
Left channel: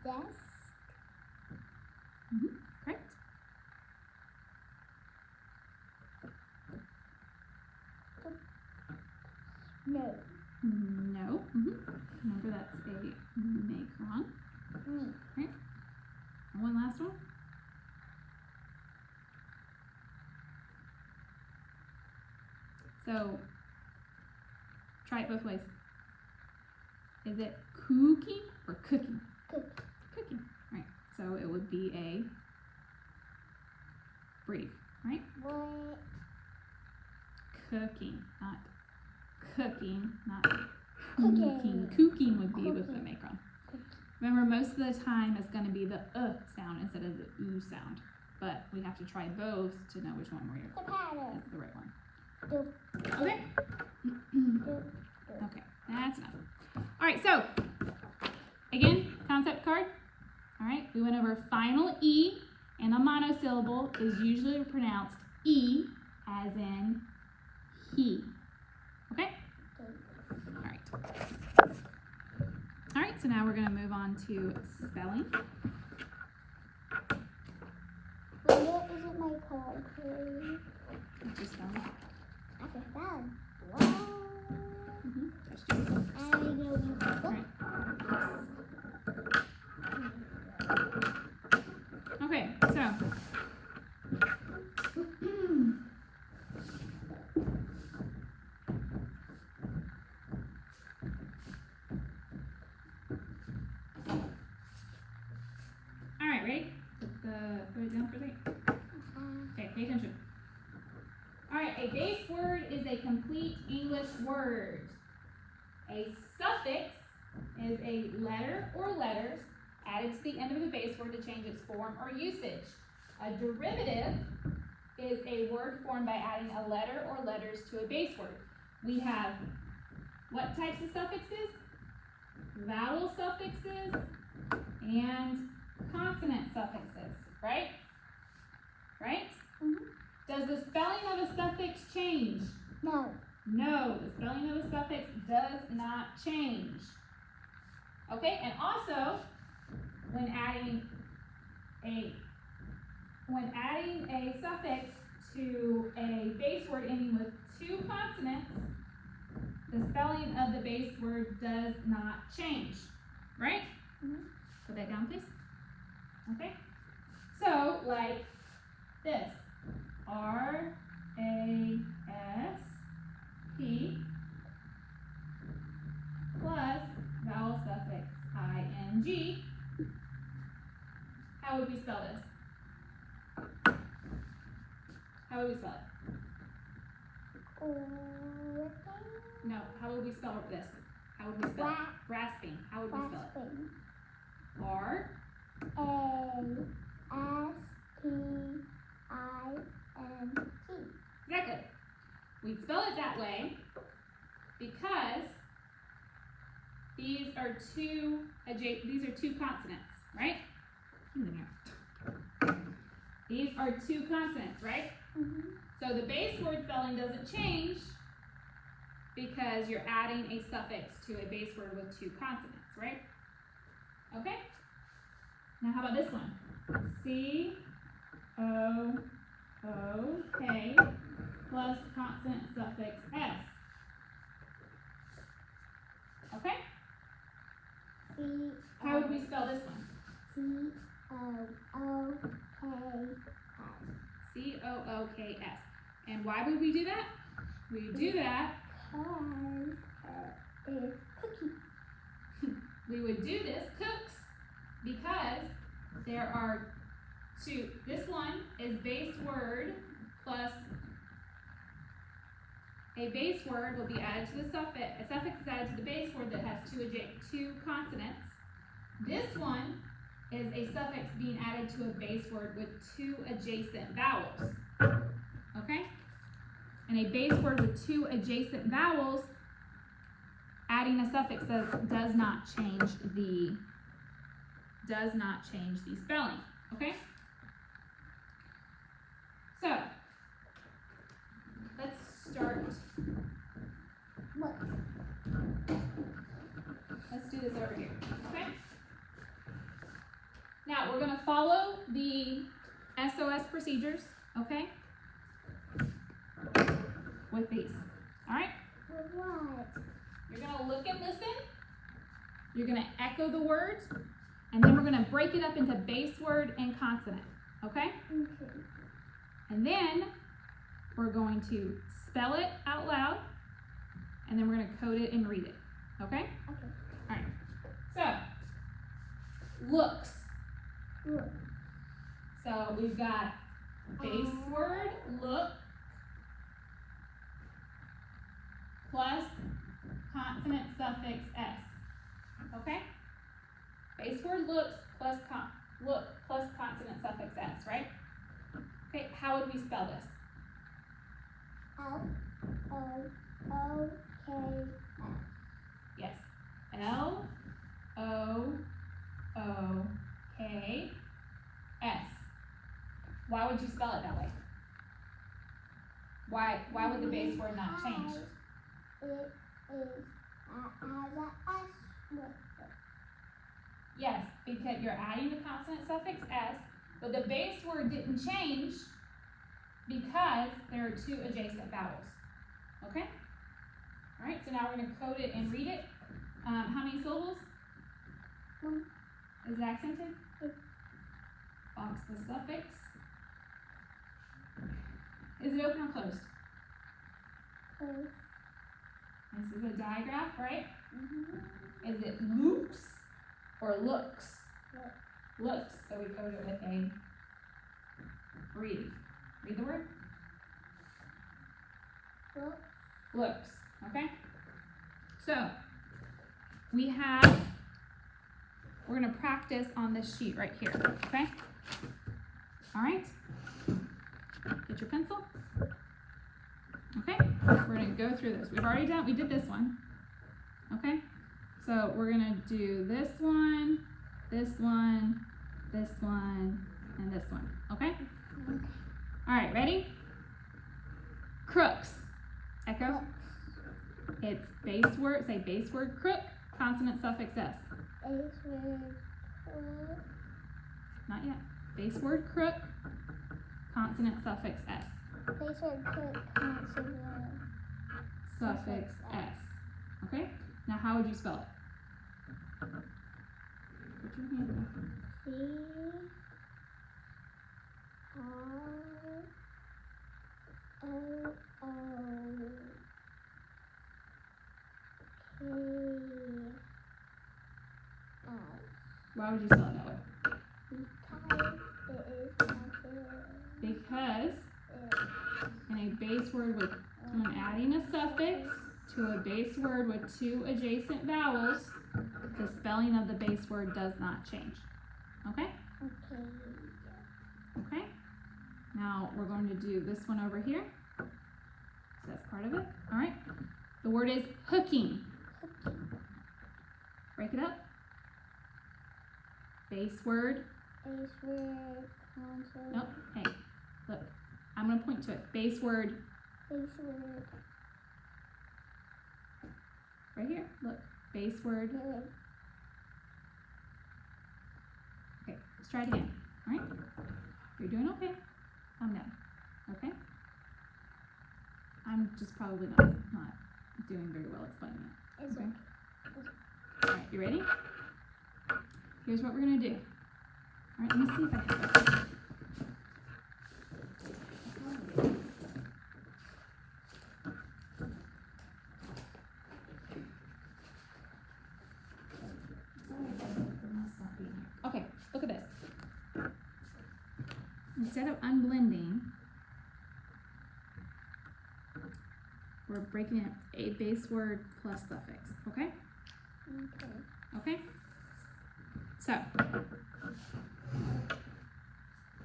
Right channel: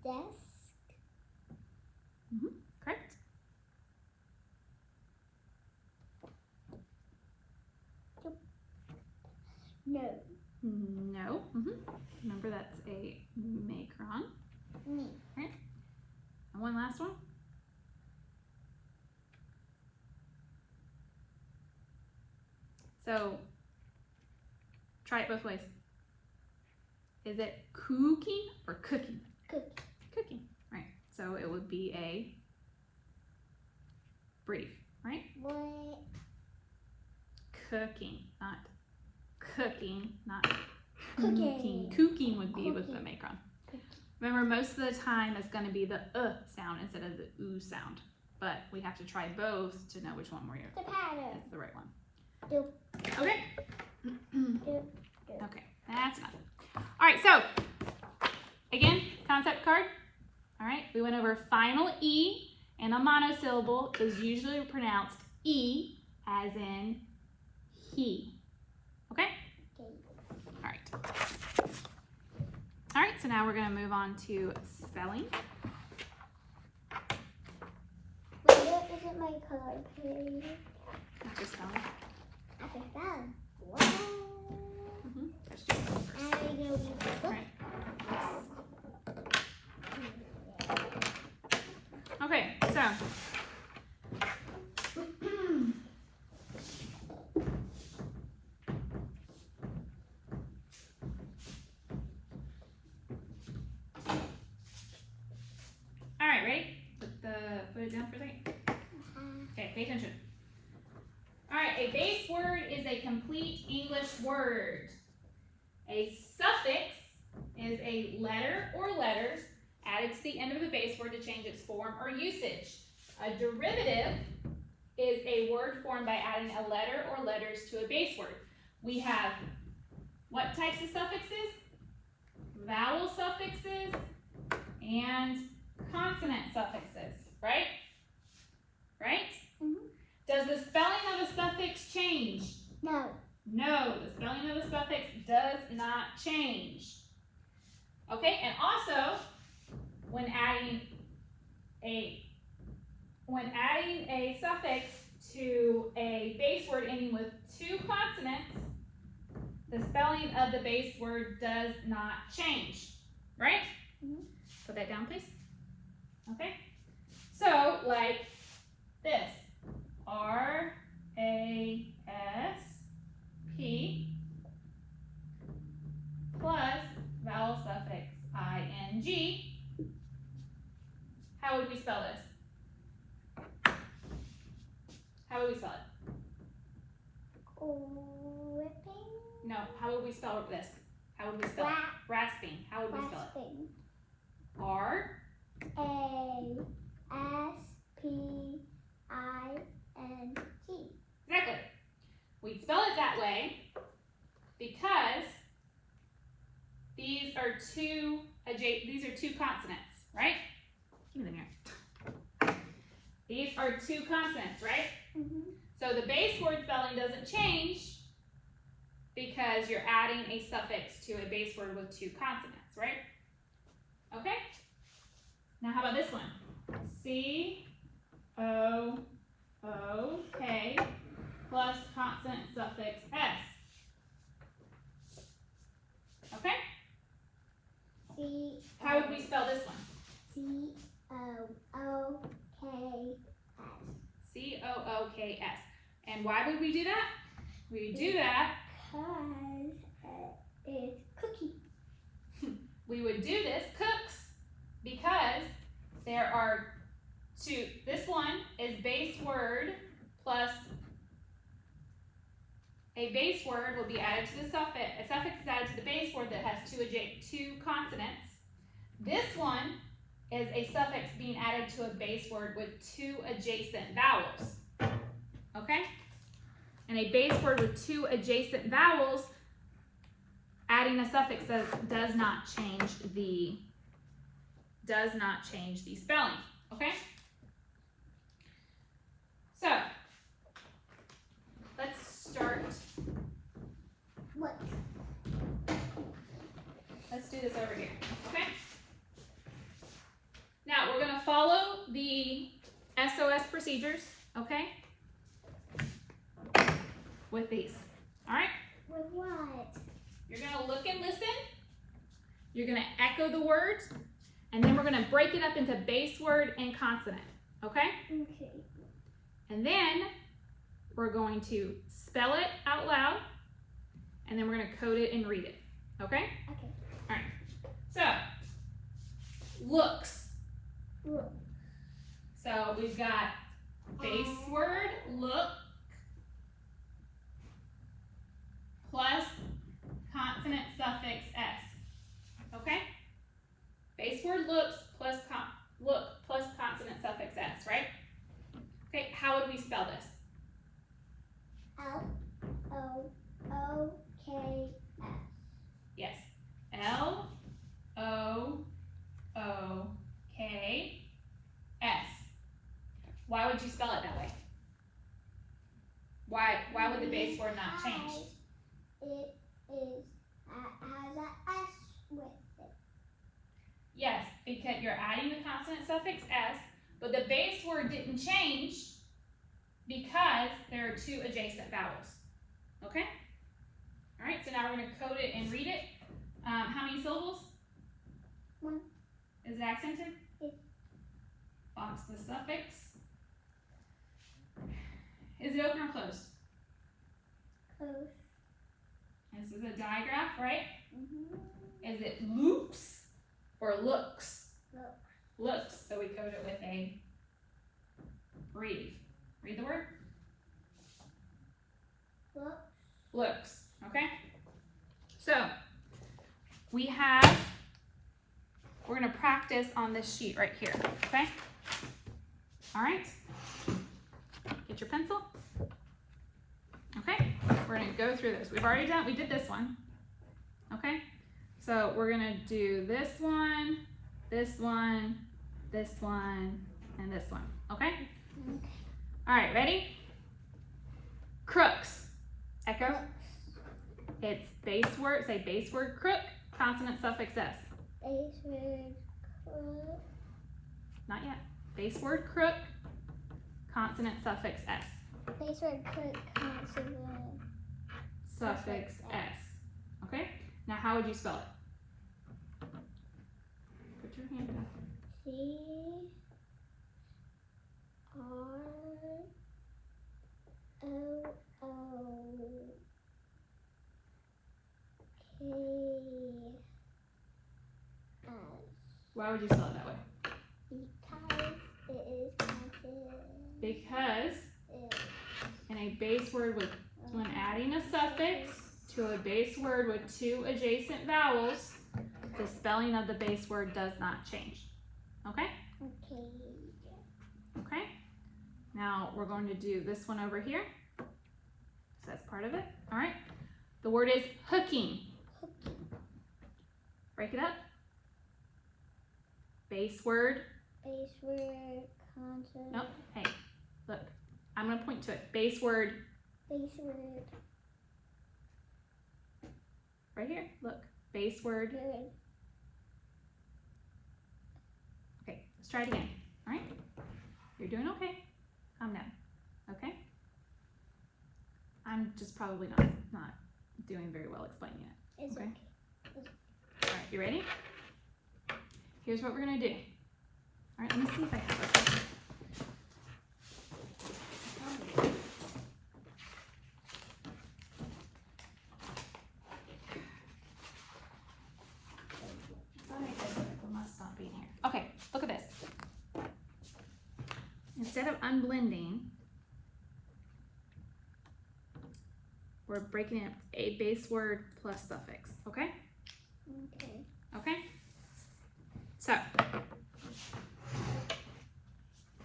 Desk. Correct. No. No. Remember, that's a macron. Me. Okay. And one last one. So, try it both ways. Is it cooking or cooking? Cooking. Cooking. Right. So it would be a brief, right? What? Cooking, not cooking, not Cooking. Cooking would be with the Cooking. macron. Remember, most of the time it's going to be the sound instead of the sound. But we have to try both to know which one The pattern. is the right one. Do. Okay? Do. Okay, that's enough. Alright, so, again, concept card. Alright, we went over final E, and a monosyllable is usually pronounced E, as in he. Okay? Alright. Alright, so now we're going to move on to spelling. Where isn't my card, please? After spelling. After that. Wow. I know we Alright. Okay, so. Alright, ready? Put it down for a second. Okay, pay attention. Alright, a base word is a complete English word. A suffix is a letter or letters added to the end of the base word to change its form or usage. A derivative is a word formed by adding a letter or letters to a base word. We have what types of suffixes? Vowel suffixes and consonant suffixes, right? Right? Does the spelling of a suffix change? No. No, the spelling of a suffix does not change. Okay, and also, when adding a suffix to a base word ending with two consonants, the spelling of the base word does not change. Right? Put that down, please. Okay? So, like this. R-A-S-P plus vowel suffix I-N-G. How would we spell this? How would we spell it? No, how would we spell this? How would we spell it? Rasping. How would we spell it? R-A-S-P-I-N-G. Exactly. We spell it that way because these are two consonants, right? Give me the mirror. These are two consonants, right? So the base word spelling doesn't change because you're adding a suffix to a base word with two consonants, right? Okay? Now how about this one? C-O-O-K plus consonant suffix S. Okay? How would we spell this one? C-O-O-K-S. C-O-O-K-S. And why would we do that? We do that Because it's cookie. we would do this, cooks, because there are two. This one is base word plus a base word will be added to the suffix. A suffix is added to the base word that has two consonants. This one is a suffix being added to a base word with two adjacent vowels. Okay? And a base word with two adjacent vowels, adding a suffix that does not change the spelling. Okay? So let's start. What? Let's do this over here. Okay? Now we're gonna follow the SOS procedures, okay? With these, all right? With what? You're gonna look and listen. You're gonna echo the words, and then we're gonna break it up into base word and consonant, okay? Okay. And then we're going to spell it out loud, and then we're gonna code it and read it, okay? Okay. All right, so, looks. Look. So we've got base word, look, plus consonant suffix s, okay? Base word looks plus look plus consonant suffix s, right? Okay, how would we spell this? L-O-O-K-S. Yes, L-O-O-K-S. Why would you spell it that way? Why would the base word not change? It is, has a S with it. Yes, because you're adding the consonant suffix s, but the base word didn't change because there are two adjacent vowels. Okay? All right, so now we're going to code it and read it. How many syllables? One. Is it accented? Yes. Box the suffix. Is it open or closed? Close. This is a digraph, right? Mm-hmm. Is it looks or looks? Look. Looks. So we code it with a read. Read the word. Look. Looks. Okay? So we're going to practice on this sheet right here. Okay? All right? Get your pencil. Okay? We're going to go through this. We did this one. Okay? So we're going to do this one, this one, this one, and this one. Okay? All right, ready? Crooks. Echo. Crooks. It's base word, say base word crook, consonant suffix s. Base word. Not yet. Base word crook, consonant suffix s. Base word crook. Consonant. Suffix s. Okay? Now how would you spell it? Put your hand up. C R O O K S. Why would you spell it that way? Because it is consonant. Because in a base word with, when adding a suffix to a base word with two adjacent vowels, the spelling of the base word does not change. Okay? Okay. Okay? Now we're going to do this one over here. So that's part of it. All right? The word is hooking. Break it up. Base word. Base word. Consonant. Nope. Hey, look. I'm going to point to it. Base word. Base word. Right here. Look. Base word. Word. Okay, let's try it again. All right? You're doing okay. Calm down. Okay? I'm just probably not doing very well explaining it. It's Okay? All right, you ready? Here's what we're going to do. All right, let me see if I have it. Okay, look at this. Instead of unblending, we're breaking it a base word plus suffix, okay? Okay. Okay? So,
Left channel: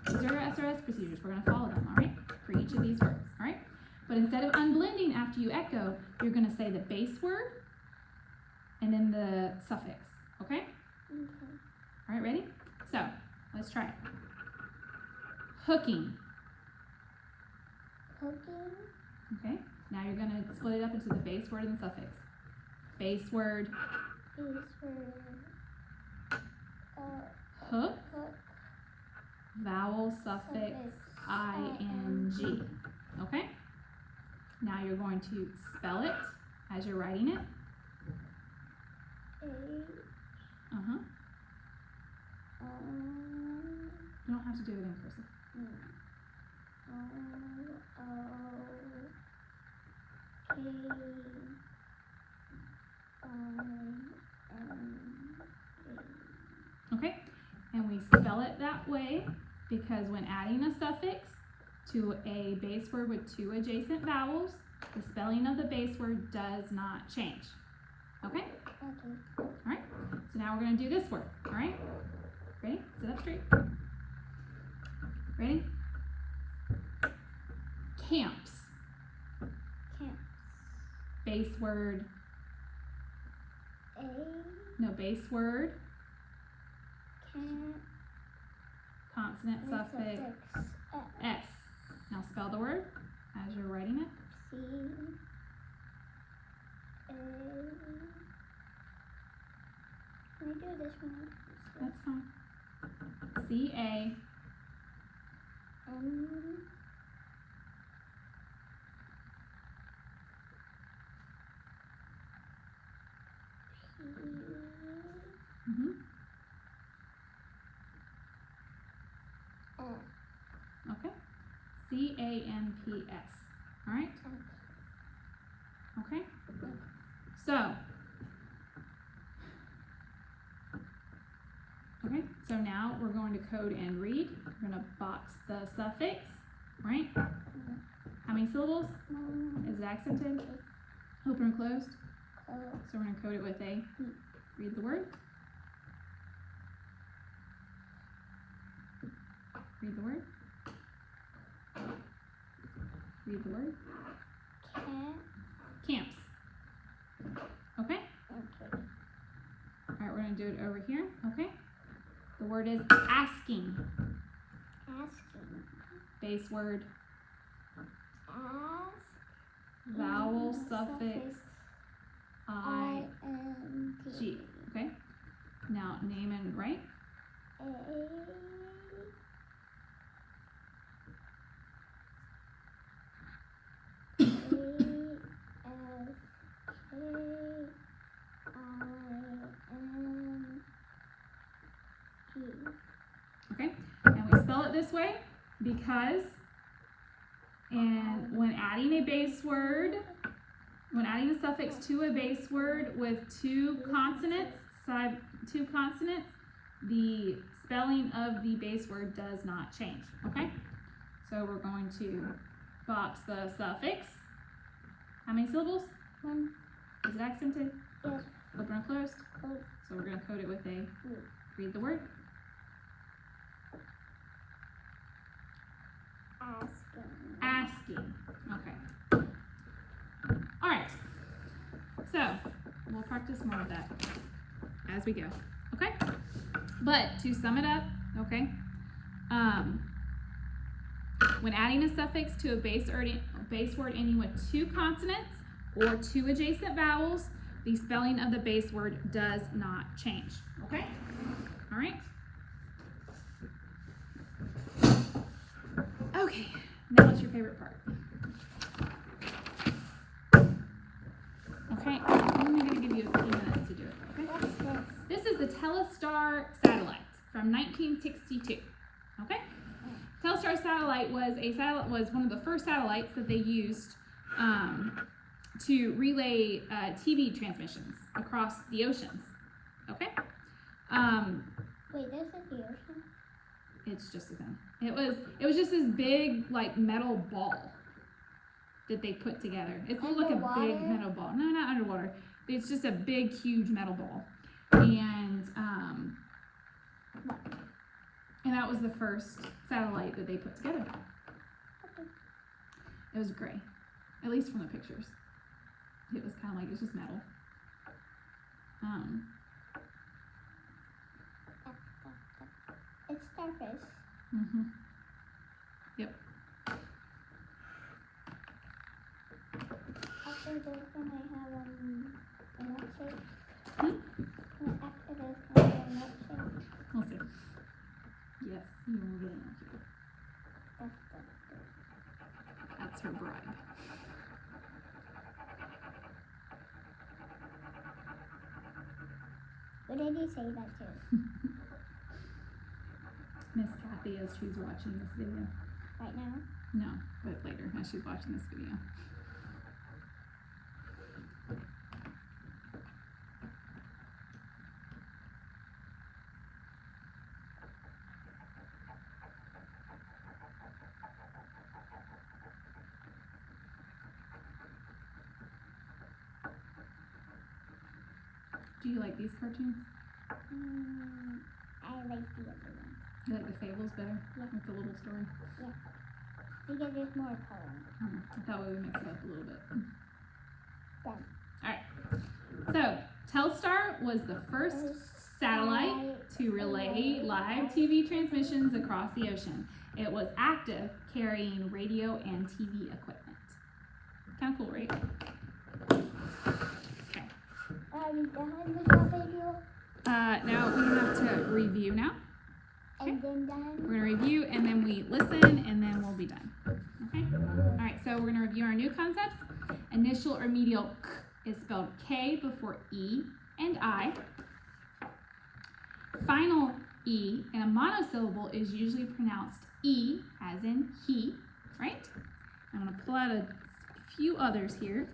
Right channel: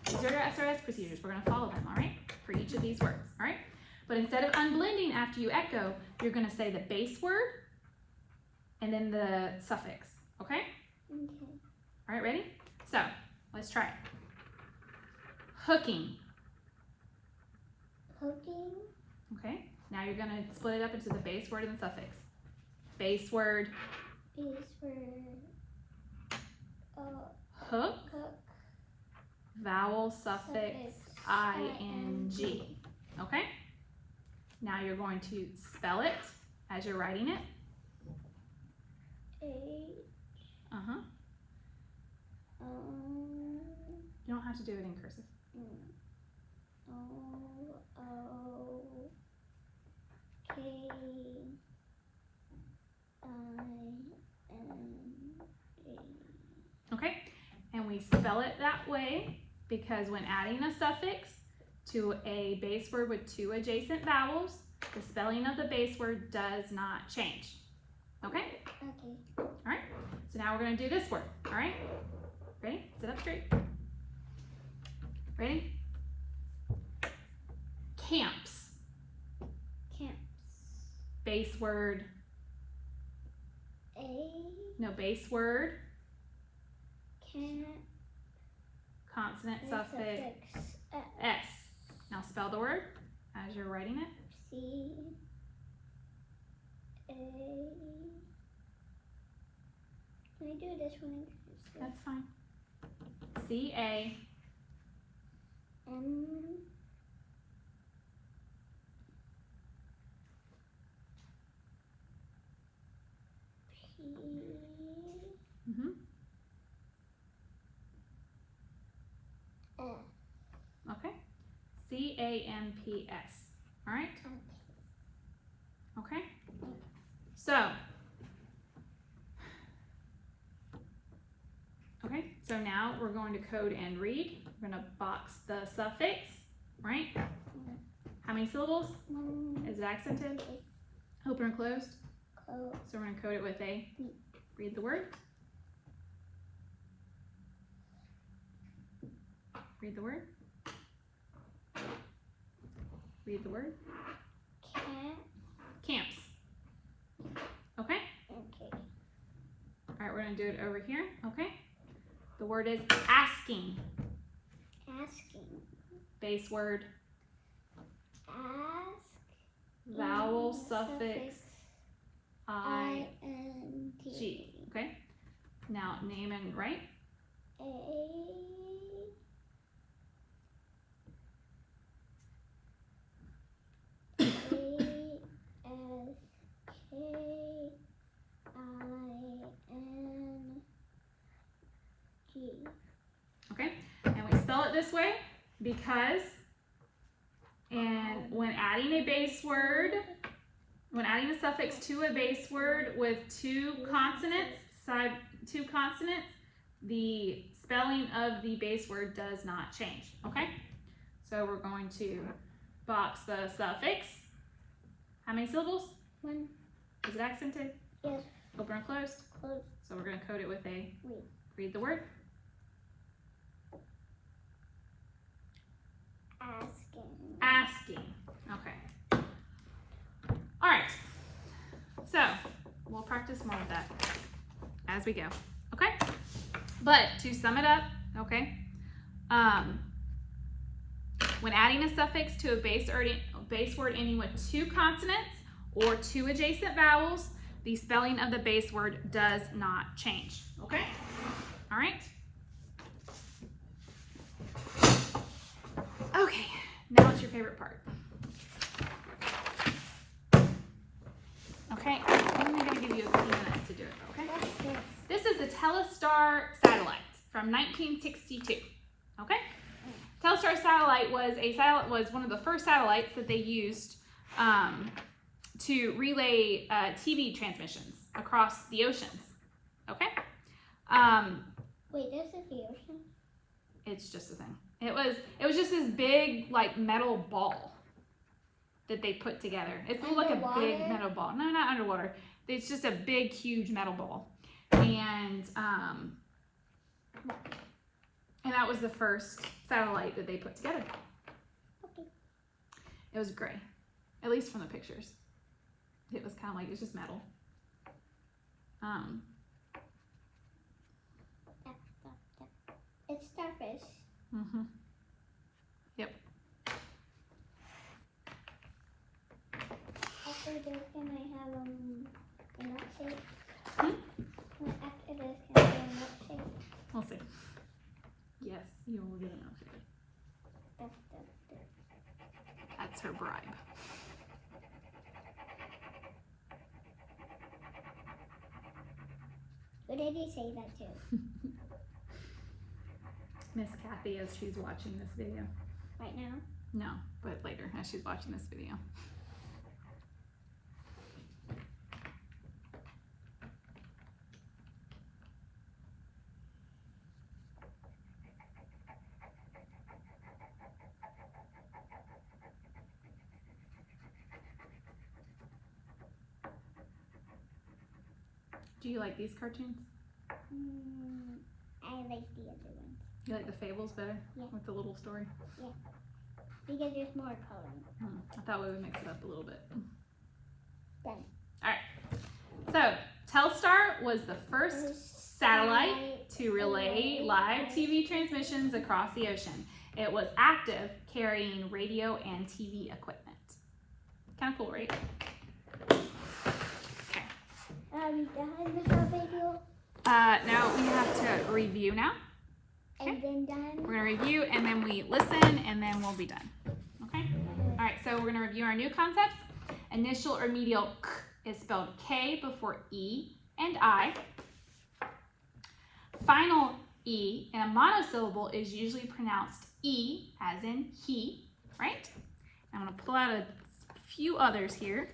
these are your SRS procedures. We're going to follow them, all right? For each of these words, all right? But instead of unblending after you echo, you're going to say the base word and then the suffix, okay? Okay. All right, ready? So, let's try it. Hooking. Hooking. Okay? Now you're going to split it up into the base word and the suffix. Base word. Base word. cook, Cook. vowel, suffix, ing. Okay? Now you're going to spell it as you're writing it. A. Uh-huh. You don't have to do it in cursive. Okay? And we spell it that way because when adding a suffix to a base word with two adjacent vowels, the spelling of the base word does not change. Okay? Okay. Alright? So now we're going to do this word. Alright? Ready? Sit up straight. Ready? Camps. Camps. Base word. A. No, base word. Camp. Consonant, suffix, S. Now spell the word as you're writing it. C. A. Can we do this one? That's fine. C-A. M. P. Mm-hmm. S. Okay. C-A-M-P-S. All right? Okay? So now we're going to code and read. We're going to box the suffix, right? How many syllables? Is it accented? Open or closed? Close. So we're going to code it with a, read the word. Read the word. Read the word. Camps. Okay? Okay. All right, we're going to do it over here. Okay? The word is asking. Asking. Base word. Ask. Vowel, suffix, I, I-N-G. G. Okay? Now name and write. A. Okay? And we spell it this way because when adding a base word, when adding a suffix to a base word with two consonants, the spelling of the base word does not change. Okay? So we're going to box the suffix. How many syllables? One. Is it accented? Yes. Open or closed? Close. So we're going to code it with a, read the word. Asking. Okay. All right. So we'll practice more of that as we go. Okay. But to sum it up, okay. When adding a suffix to a base word ending with two consonants or two adjacent vowels, the spelling of the base word does not change. Okay. All right. Okay. Now what's your favorite part? Okay, I'm going to give you a few minutes to do it, okay? This is the Telstar satellite from 1962, okay? Telstar satellite was one of the first satellites that they used to relay TV transmissions across the oceans, okay? Wait, this is the ocean? It's just a thing. It was just this big like metal ball that they put together. It's like a big metal ball. No, not underwater. It's just a big, huge metal ball. And that was the first satellite that they put together. It was gray, at least from the pictures. It was kind of like, it's just metal. It's starfish. Mm-hmm. Yep. After this, can I have a milkshake? Hmm? After this, can I have a milkshake? We'll see. What did he say that to? Miss Kathy as she's watching this video. Right now? No, but later as she's watching this video. Do you like these cartoons? I like the other ones. You like the fables better? Yeah. With the little story? Because there's more color. I thought we would mix it up a little bit. Done. Alright. So, Telstar was the first satellite to relay live TV transmissions across the ocean. It was active, carrying radio and TV equipment. Kind of cool, right? Done with the video. Now we have to review now. And then done. We're going to review and then we listen and then we'll be done. Okay? Alright, so we're going to review our new concepts. Initial or medial k is spelled K before E and I. Final E in a monosyllable is usually pronounced E as in he, right? I'm going to pull out a few others here.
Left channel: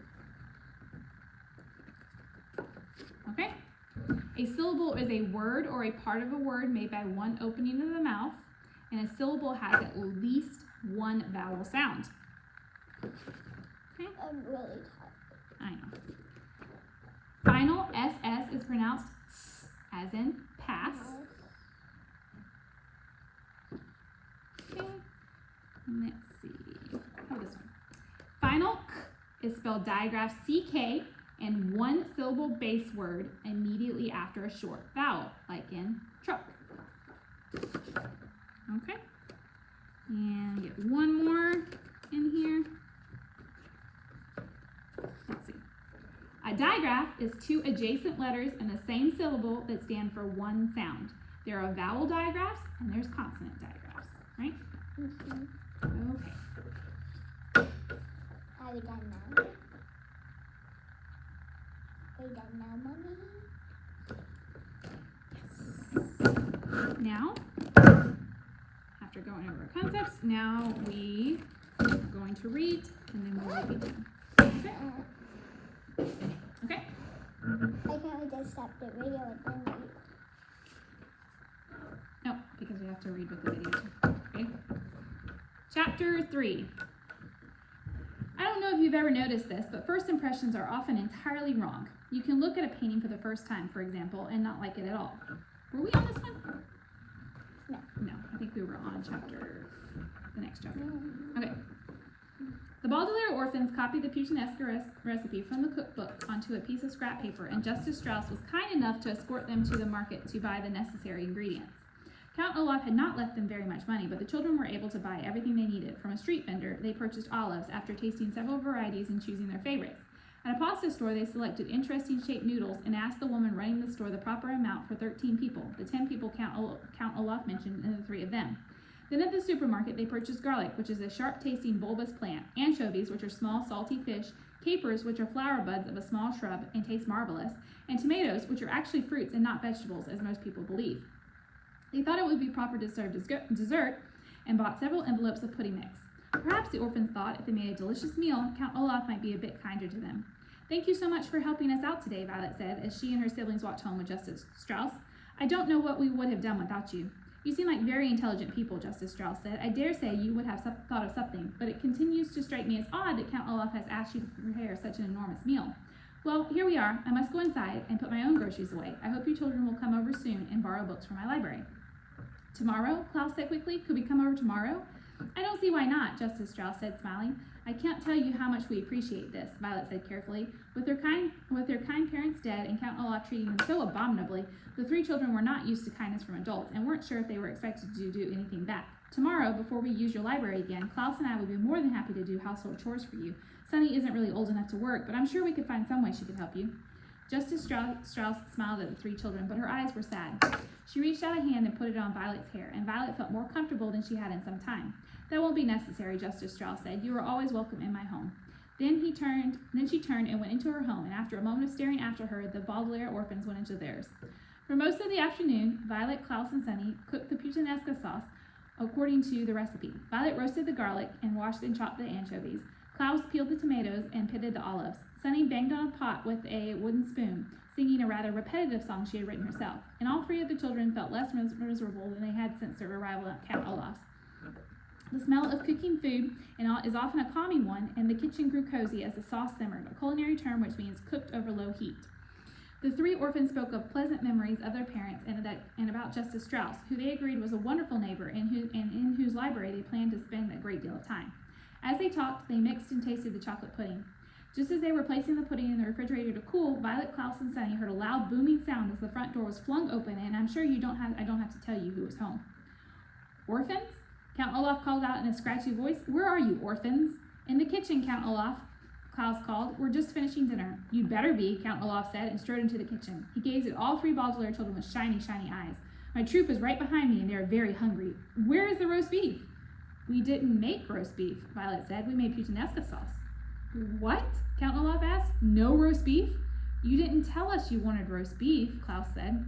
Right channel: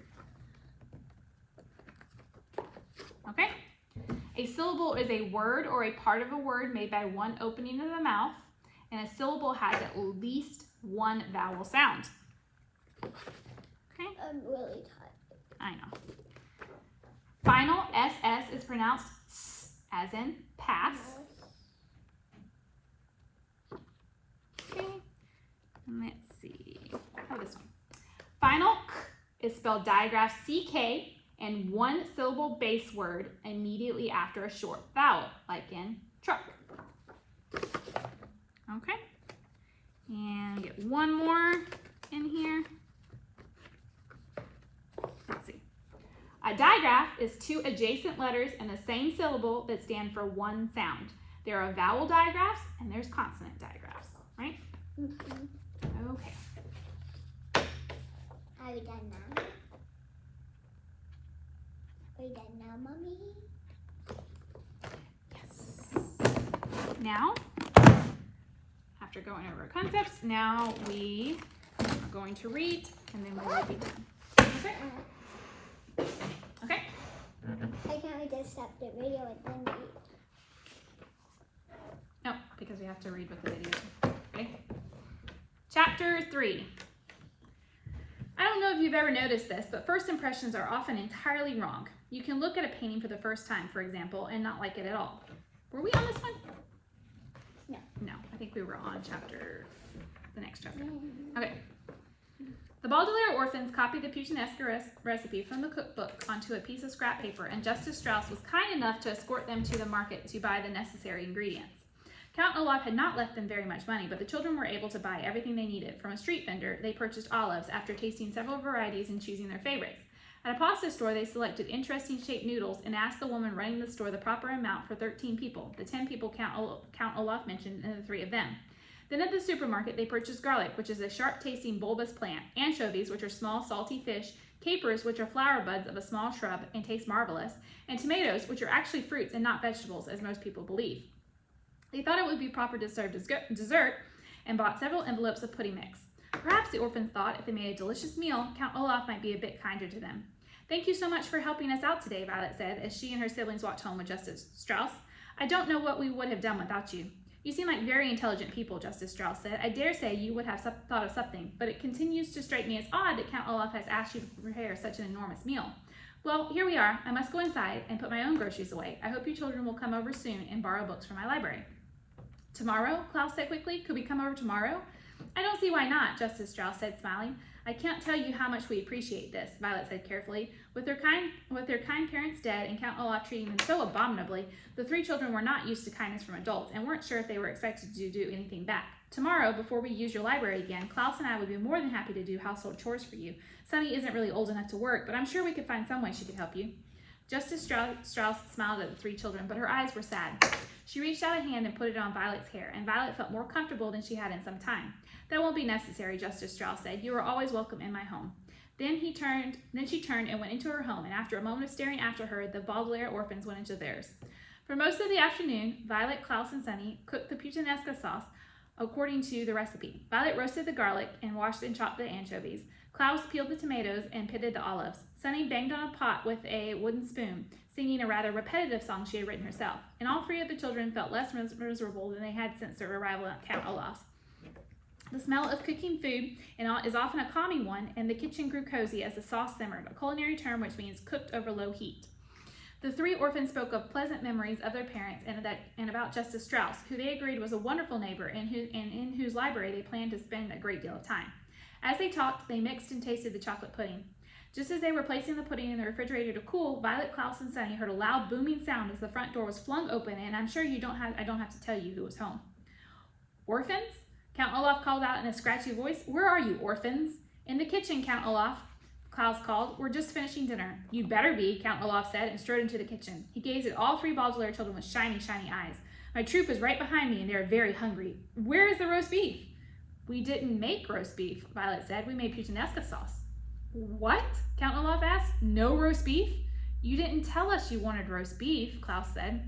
Okay? A syllable is a word or a part of a word made by one opening of the mouth, and a syllable has at least one vowel sound. Okay? I'm really tired. I know. Final SS is pronounced S as in pass. Let's see. Oh, this one. Final K is spelled digraph CK and one syllable base word immediately after a short vowel, like in truck. Okay. And get one more in here. Let's see. A digraph is two adjacent letters in the same syllable that stand for one sound. There are vowel digraphs and there's consonant digraphs, right? Mm-hmm. Okay. Are we done now? Are we done now, Mommy? Yes. Now, after going over concepts, now we are going to read and then we will be done. Okay? Okay? Why can't we just stop the video and then read? No, because we have to read with the video. Okay? Chapter 3. I don't know if you've ever noticed this, but first impressions are often entirely wrong. You can look at a painting for the first time, for example, and not like it at all. Were we on this one? No. No, I think we were on the next chapter. Okay. The Baudelaire orphans copied the puttanesque recipe from the cookbook onto a piece of scrap paper, and Justice Strauss was kind enough to escort them to the market to buy the necessary ingredients. Count Olaf had not left them very much money, but the children were able to buy everything they needed. From a street vendor, they purchased olives after tasting several varieties and choosing their favorites. At a pasta store, they selected interesting shaped noodles and asked the woman running the store the proper amount for 13 people, the 10 people Count Olaf mentioned and the 3 of them. Then at the supermarket, they purchased garlic, which is a sharp-tasting bulbous plant, anchovies, which are small, salty fish, capers, which are flower buds of a small shrub and taste marvelous, and tomatoes, which are actually fruits and not vegetables, as most people believe. They thought it would be proper to serve dessert and bought several envelopes of pudding mix. Perhaps the orphans thought if they made a delicious meal, Count Olaf might be a bit kinder to them. "Thank you so much for helping us out today," Violet said, as she and her siblings walked home with Justice Strauss. "I don't know what we would have done without you." "You seem like very intelligent people," Justice Strauss said. "I dare say you would have thought of something, but it continues to strike me as odd that Count Olaf has asked you to prepare such an enormous meal. Well, here we are. I must go inside and put my own groceries away. I hope you children will come over soon and borrow books from my library." "Tomorrow?" Klaus said quickly. "Could we come over tomorrow?" "I don't see why not," Justice Strauss said, smiling. "I can't tell you how much we appreciate this," Violet said carefully. With their kind parents dead and Count Olaf treating them so abominably, the 3 children were not used to kindness from adults and weren't sure if they were expected to do anything back. "Tomorrow, before we use your library again, Klaus and I would be more than happy to do household chores for you. Sunny isn't really old enough to work, but I'm sure we could find some way she could help you." Justice Strauss smiled at the 3 children, but her eyes were sad. She reached out a hand and put it on Violet's hair, and Violet felt more comfortable than she had in some time. "That won't be necessary," Justice Strauss said. "You are always welcome in my home." Then she turned and went into her home, and after a moment of staring after her, the Baudelaire orphans went into theirs. For most of the afternoon, Violet, Klaus, and Sunny cooked the puttanesca sauce according to the recipe. Violet roasted the garlic and washed and chopped the anchovies. Klaus peeled the tomatoes and pitted the olives. Sunny banged on a pot with a wooden spoon, singing a rather repetitive song she had written herself. And all three of the children felt less miserable than they had since their arrival at Count Olaf's. The smell of cooking food is often a calming one, and the kitchen grew cozy as the sauce simmered, a culinary term which means cooked over low heat. The three orphans spoke of pleasant memories of their parents and about Justice Strauss, who they agreed was a wonderful neighbor and in whose library they planned to spend a great deal of time. As they talked, they mixed and tasted the chocolate pudding. Just as they were placing the pudding in the refrigerator to cool, Violet, Klaus, and Sunny heard a loud booming sound as the front door was flung open, and I'm sure I don't have to tell you who was home. Orphans? Count Olaf called out in a scratchy voice. Where are you, orphans? In the kitchen, Count Olaf, Klaus called. We're just finishing dinner. You'd better be, Count Olaf said, and strode into the kitchen. He gazed at all three Baudelaire children with shiny, shiny eyes. My troop is right behind me, and they are very hungry. Where is the roast beef? We didn't make roast beef, Violet said. We made puttanesca sauce. What? Count Olaf asked. No roast beef? You didn't tell us you wanted roast beef, Klaus said.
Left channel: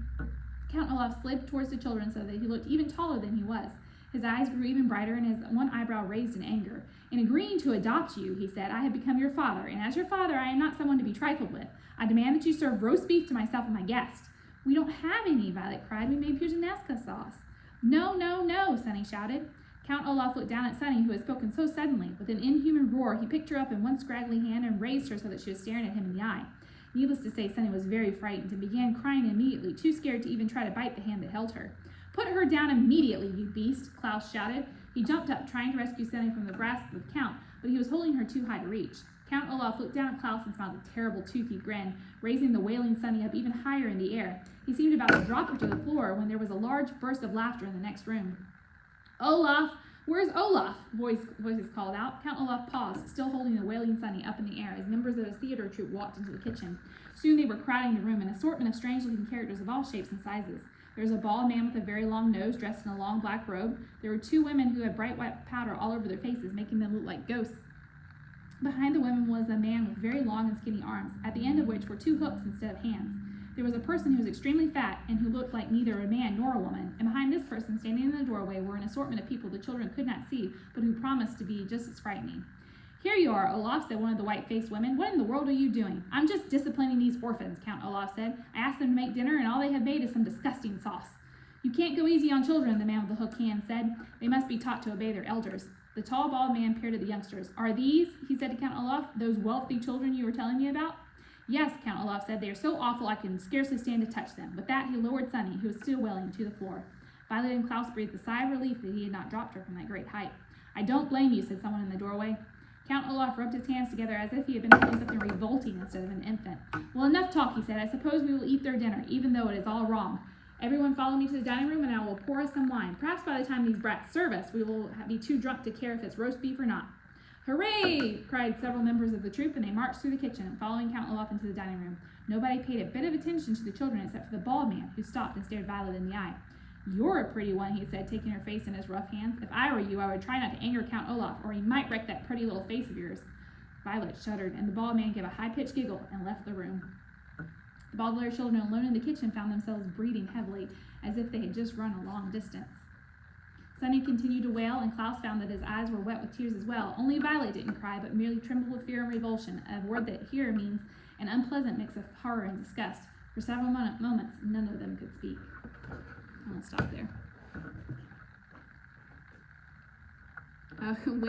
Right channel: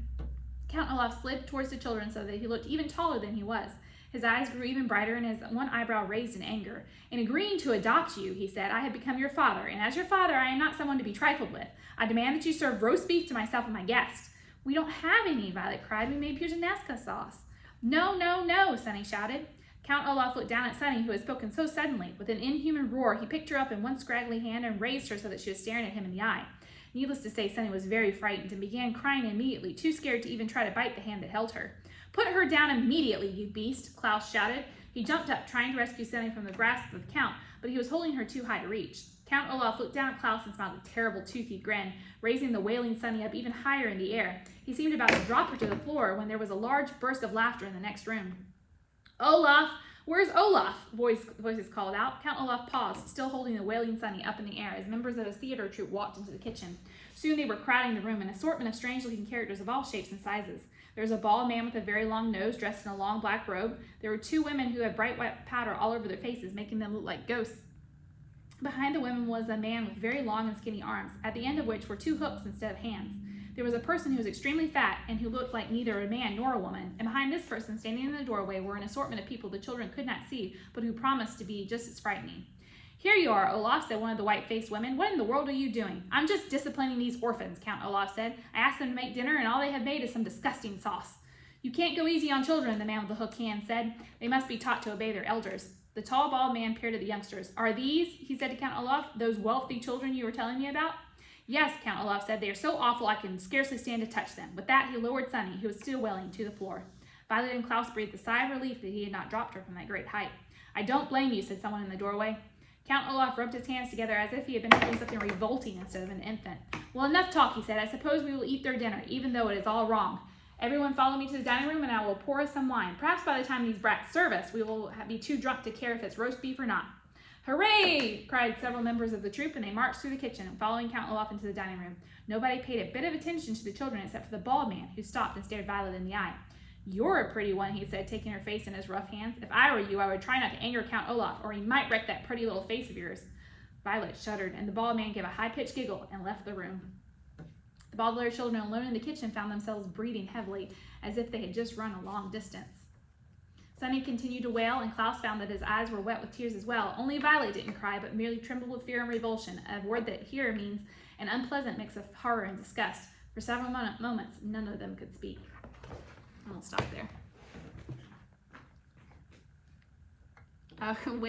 Count Olaf slid towards the children so that he looked even taller than he was. His eyes grew even brighter and his one eyebrow raised in anger. In agreeing to adopt you, he said, I have become your father, and as your father, I am not someone to be trifled with. I demand that you serve roast beef to myself and my guests. We don't have any, Violet cried. We made puttanesca sauce. No, no, no, Sunny shouted. Count Olaf looked down at Sunny, who had spoken so suddenly. With an inhuman roar, he picked her up in one scraggly hand and raised her so that she was staring at him in the eye. Needless to say, Sunny was very frightened and began crying immediately, too scared to even try to bite the hand that held her. Put her down immediately, you beast, Klaus shouted. He jumped up, trying to rescue Sunny from the grasp of the Count, but he was holding her too high to reach. Count Olaf looked down at Klaus and smiled a terrible toothy grin, raising the wailing Sunny up even higher in the air. He seemed about to drop her to the floor when there was a large burst of laughter in the next room. Olaf! Where's Olaf? Voices called out. Count Olaf paused, still holding the wailing Sunny up in the air as members of his theater troupe walked into the kitchen. Soon they were crowding the room, an assortment of strange-looking characters of all shapes and sizes. There was a bald man with a very long nose dressed in a long black robe. There were two women who had bright white powder all over their faces, making them look like ghosts. Behind the women was a man with very long and skinny arms, at the end of which were two hooks instead of hands. There was a person who was extremely fat and who looked like neither a man nor a woman, and behind this person, standing in the doorway, were an assortment of people the children could not see, but who promised to be just as frightening. Here you are, Olaf, said one of the white-faced women. What in the world are you doing? I'm just disciplining these orphans, Count Olaf said. I asked them to make dinner, and all they have made is some disgusting sauce. You can't go easy on children, the man with the hook hand said. They must be taught to obey their elders. The tall, bald man peered at the youngsters. Are these, he said to Count Olaf, those wealthy children you were telling me about? Yes, Count Olaf said. They are so awful I can scarcely stand to touch them. With that, he lowered Sunny, who was still wailing, to the floor. Violet and Klaus breathed a sigh of relief that he had not dropped her from that great height. I don't blame you, said someone in the doorway. Count Olaf rubbed his hands together as if he had been doing something revolting instead of an infant. Well, enough talk, he said. I suppose we will eat their dinner, even though it is all wrong. Everyone follow me to the dining room, and I will pour us some wine. Perhaps by the time these brats serve us, we will be too drunk to care if it's roast beef or not. Hooray! Cried several members of the troupe, and they marched through the kitchen, following Count Olaf into the dining room. Nobody paid a bit of attention to the children except for the bald man, who stopped and stared Violet in the eye. You're a pretty one, he said, taking her face in his rough hands. If I were you, I would try not to anger Count Olaf, or he might wreck that pretty little face of yours. Violet shuddered, and the bald man gave a high-pitched giggle and left the room. The Baudelaire children alone in the kitchen found themselves breathing heavily, as if they had just run a long distance. Sunny continued to wail, and Klaus found that his eyes were wet with tears as well. Only Violet didn't cry, but merely trembled with fear and revulsion, a word that here means an unpleasant mix of horror and disgust. For several moments, none of them could speak. I'll stop there. Wait.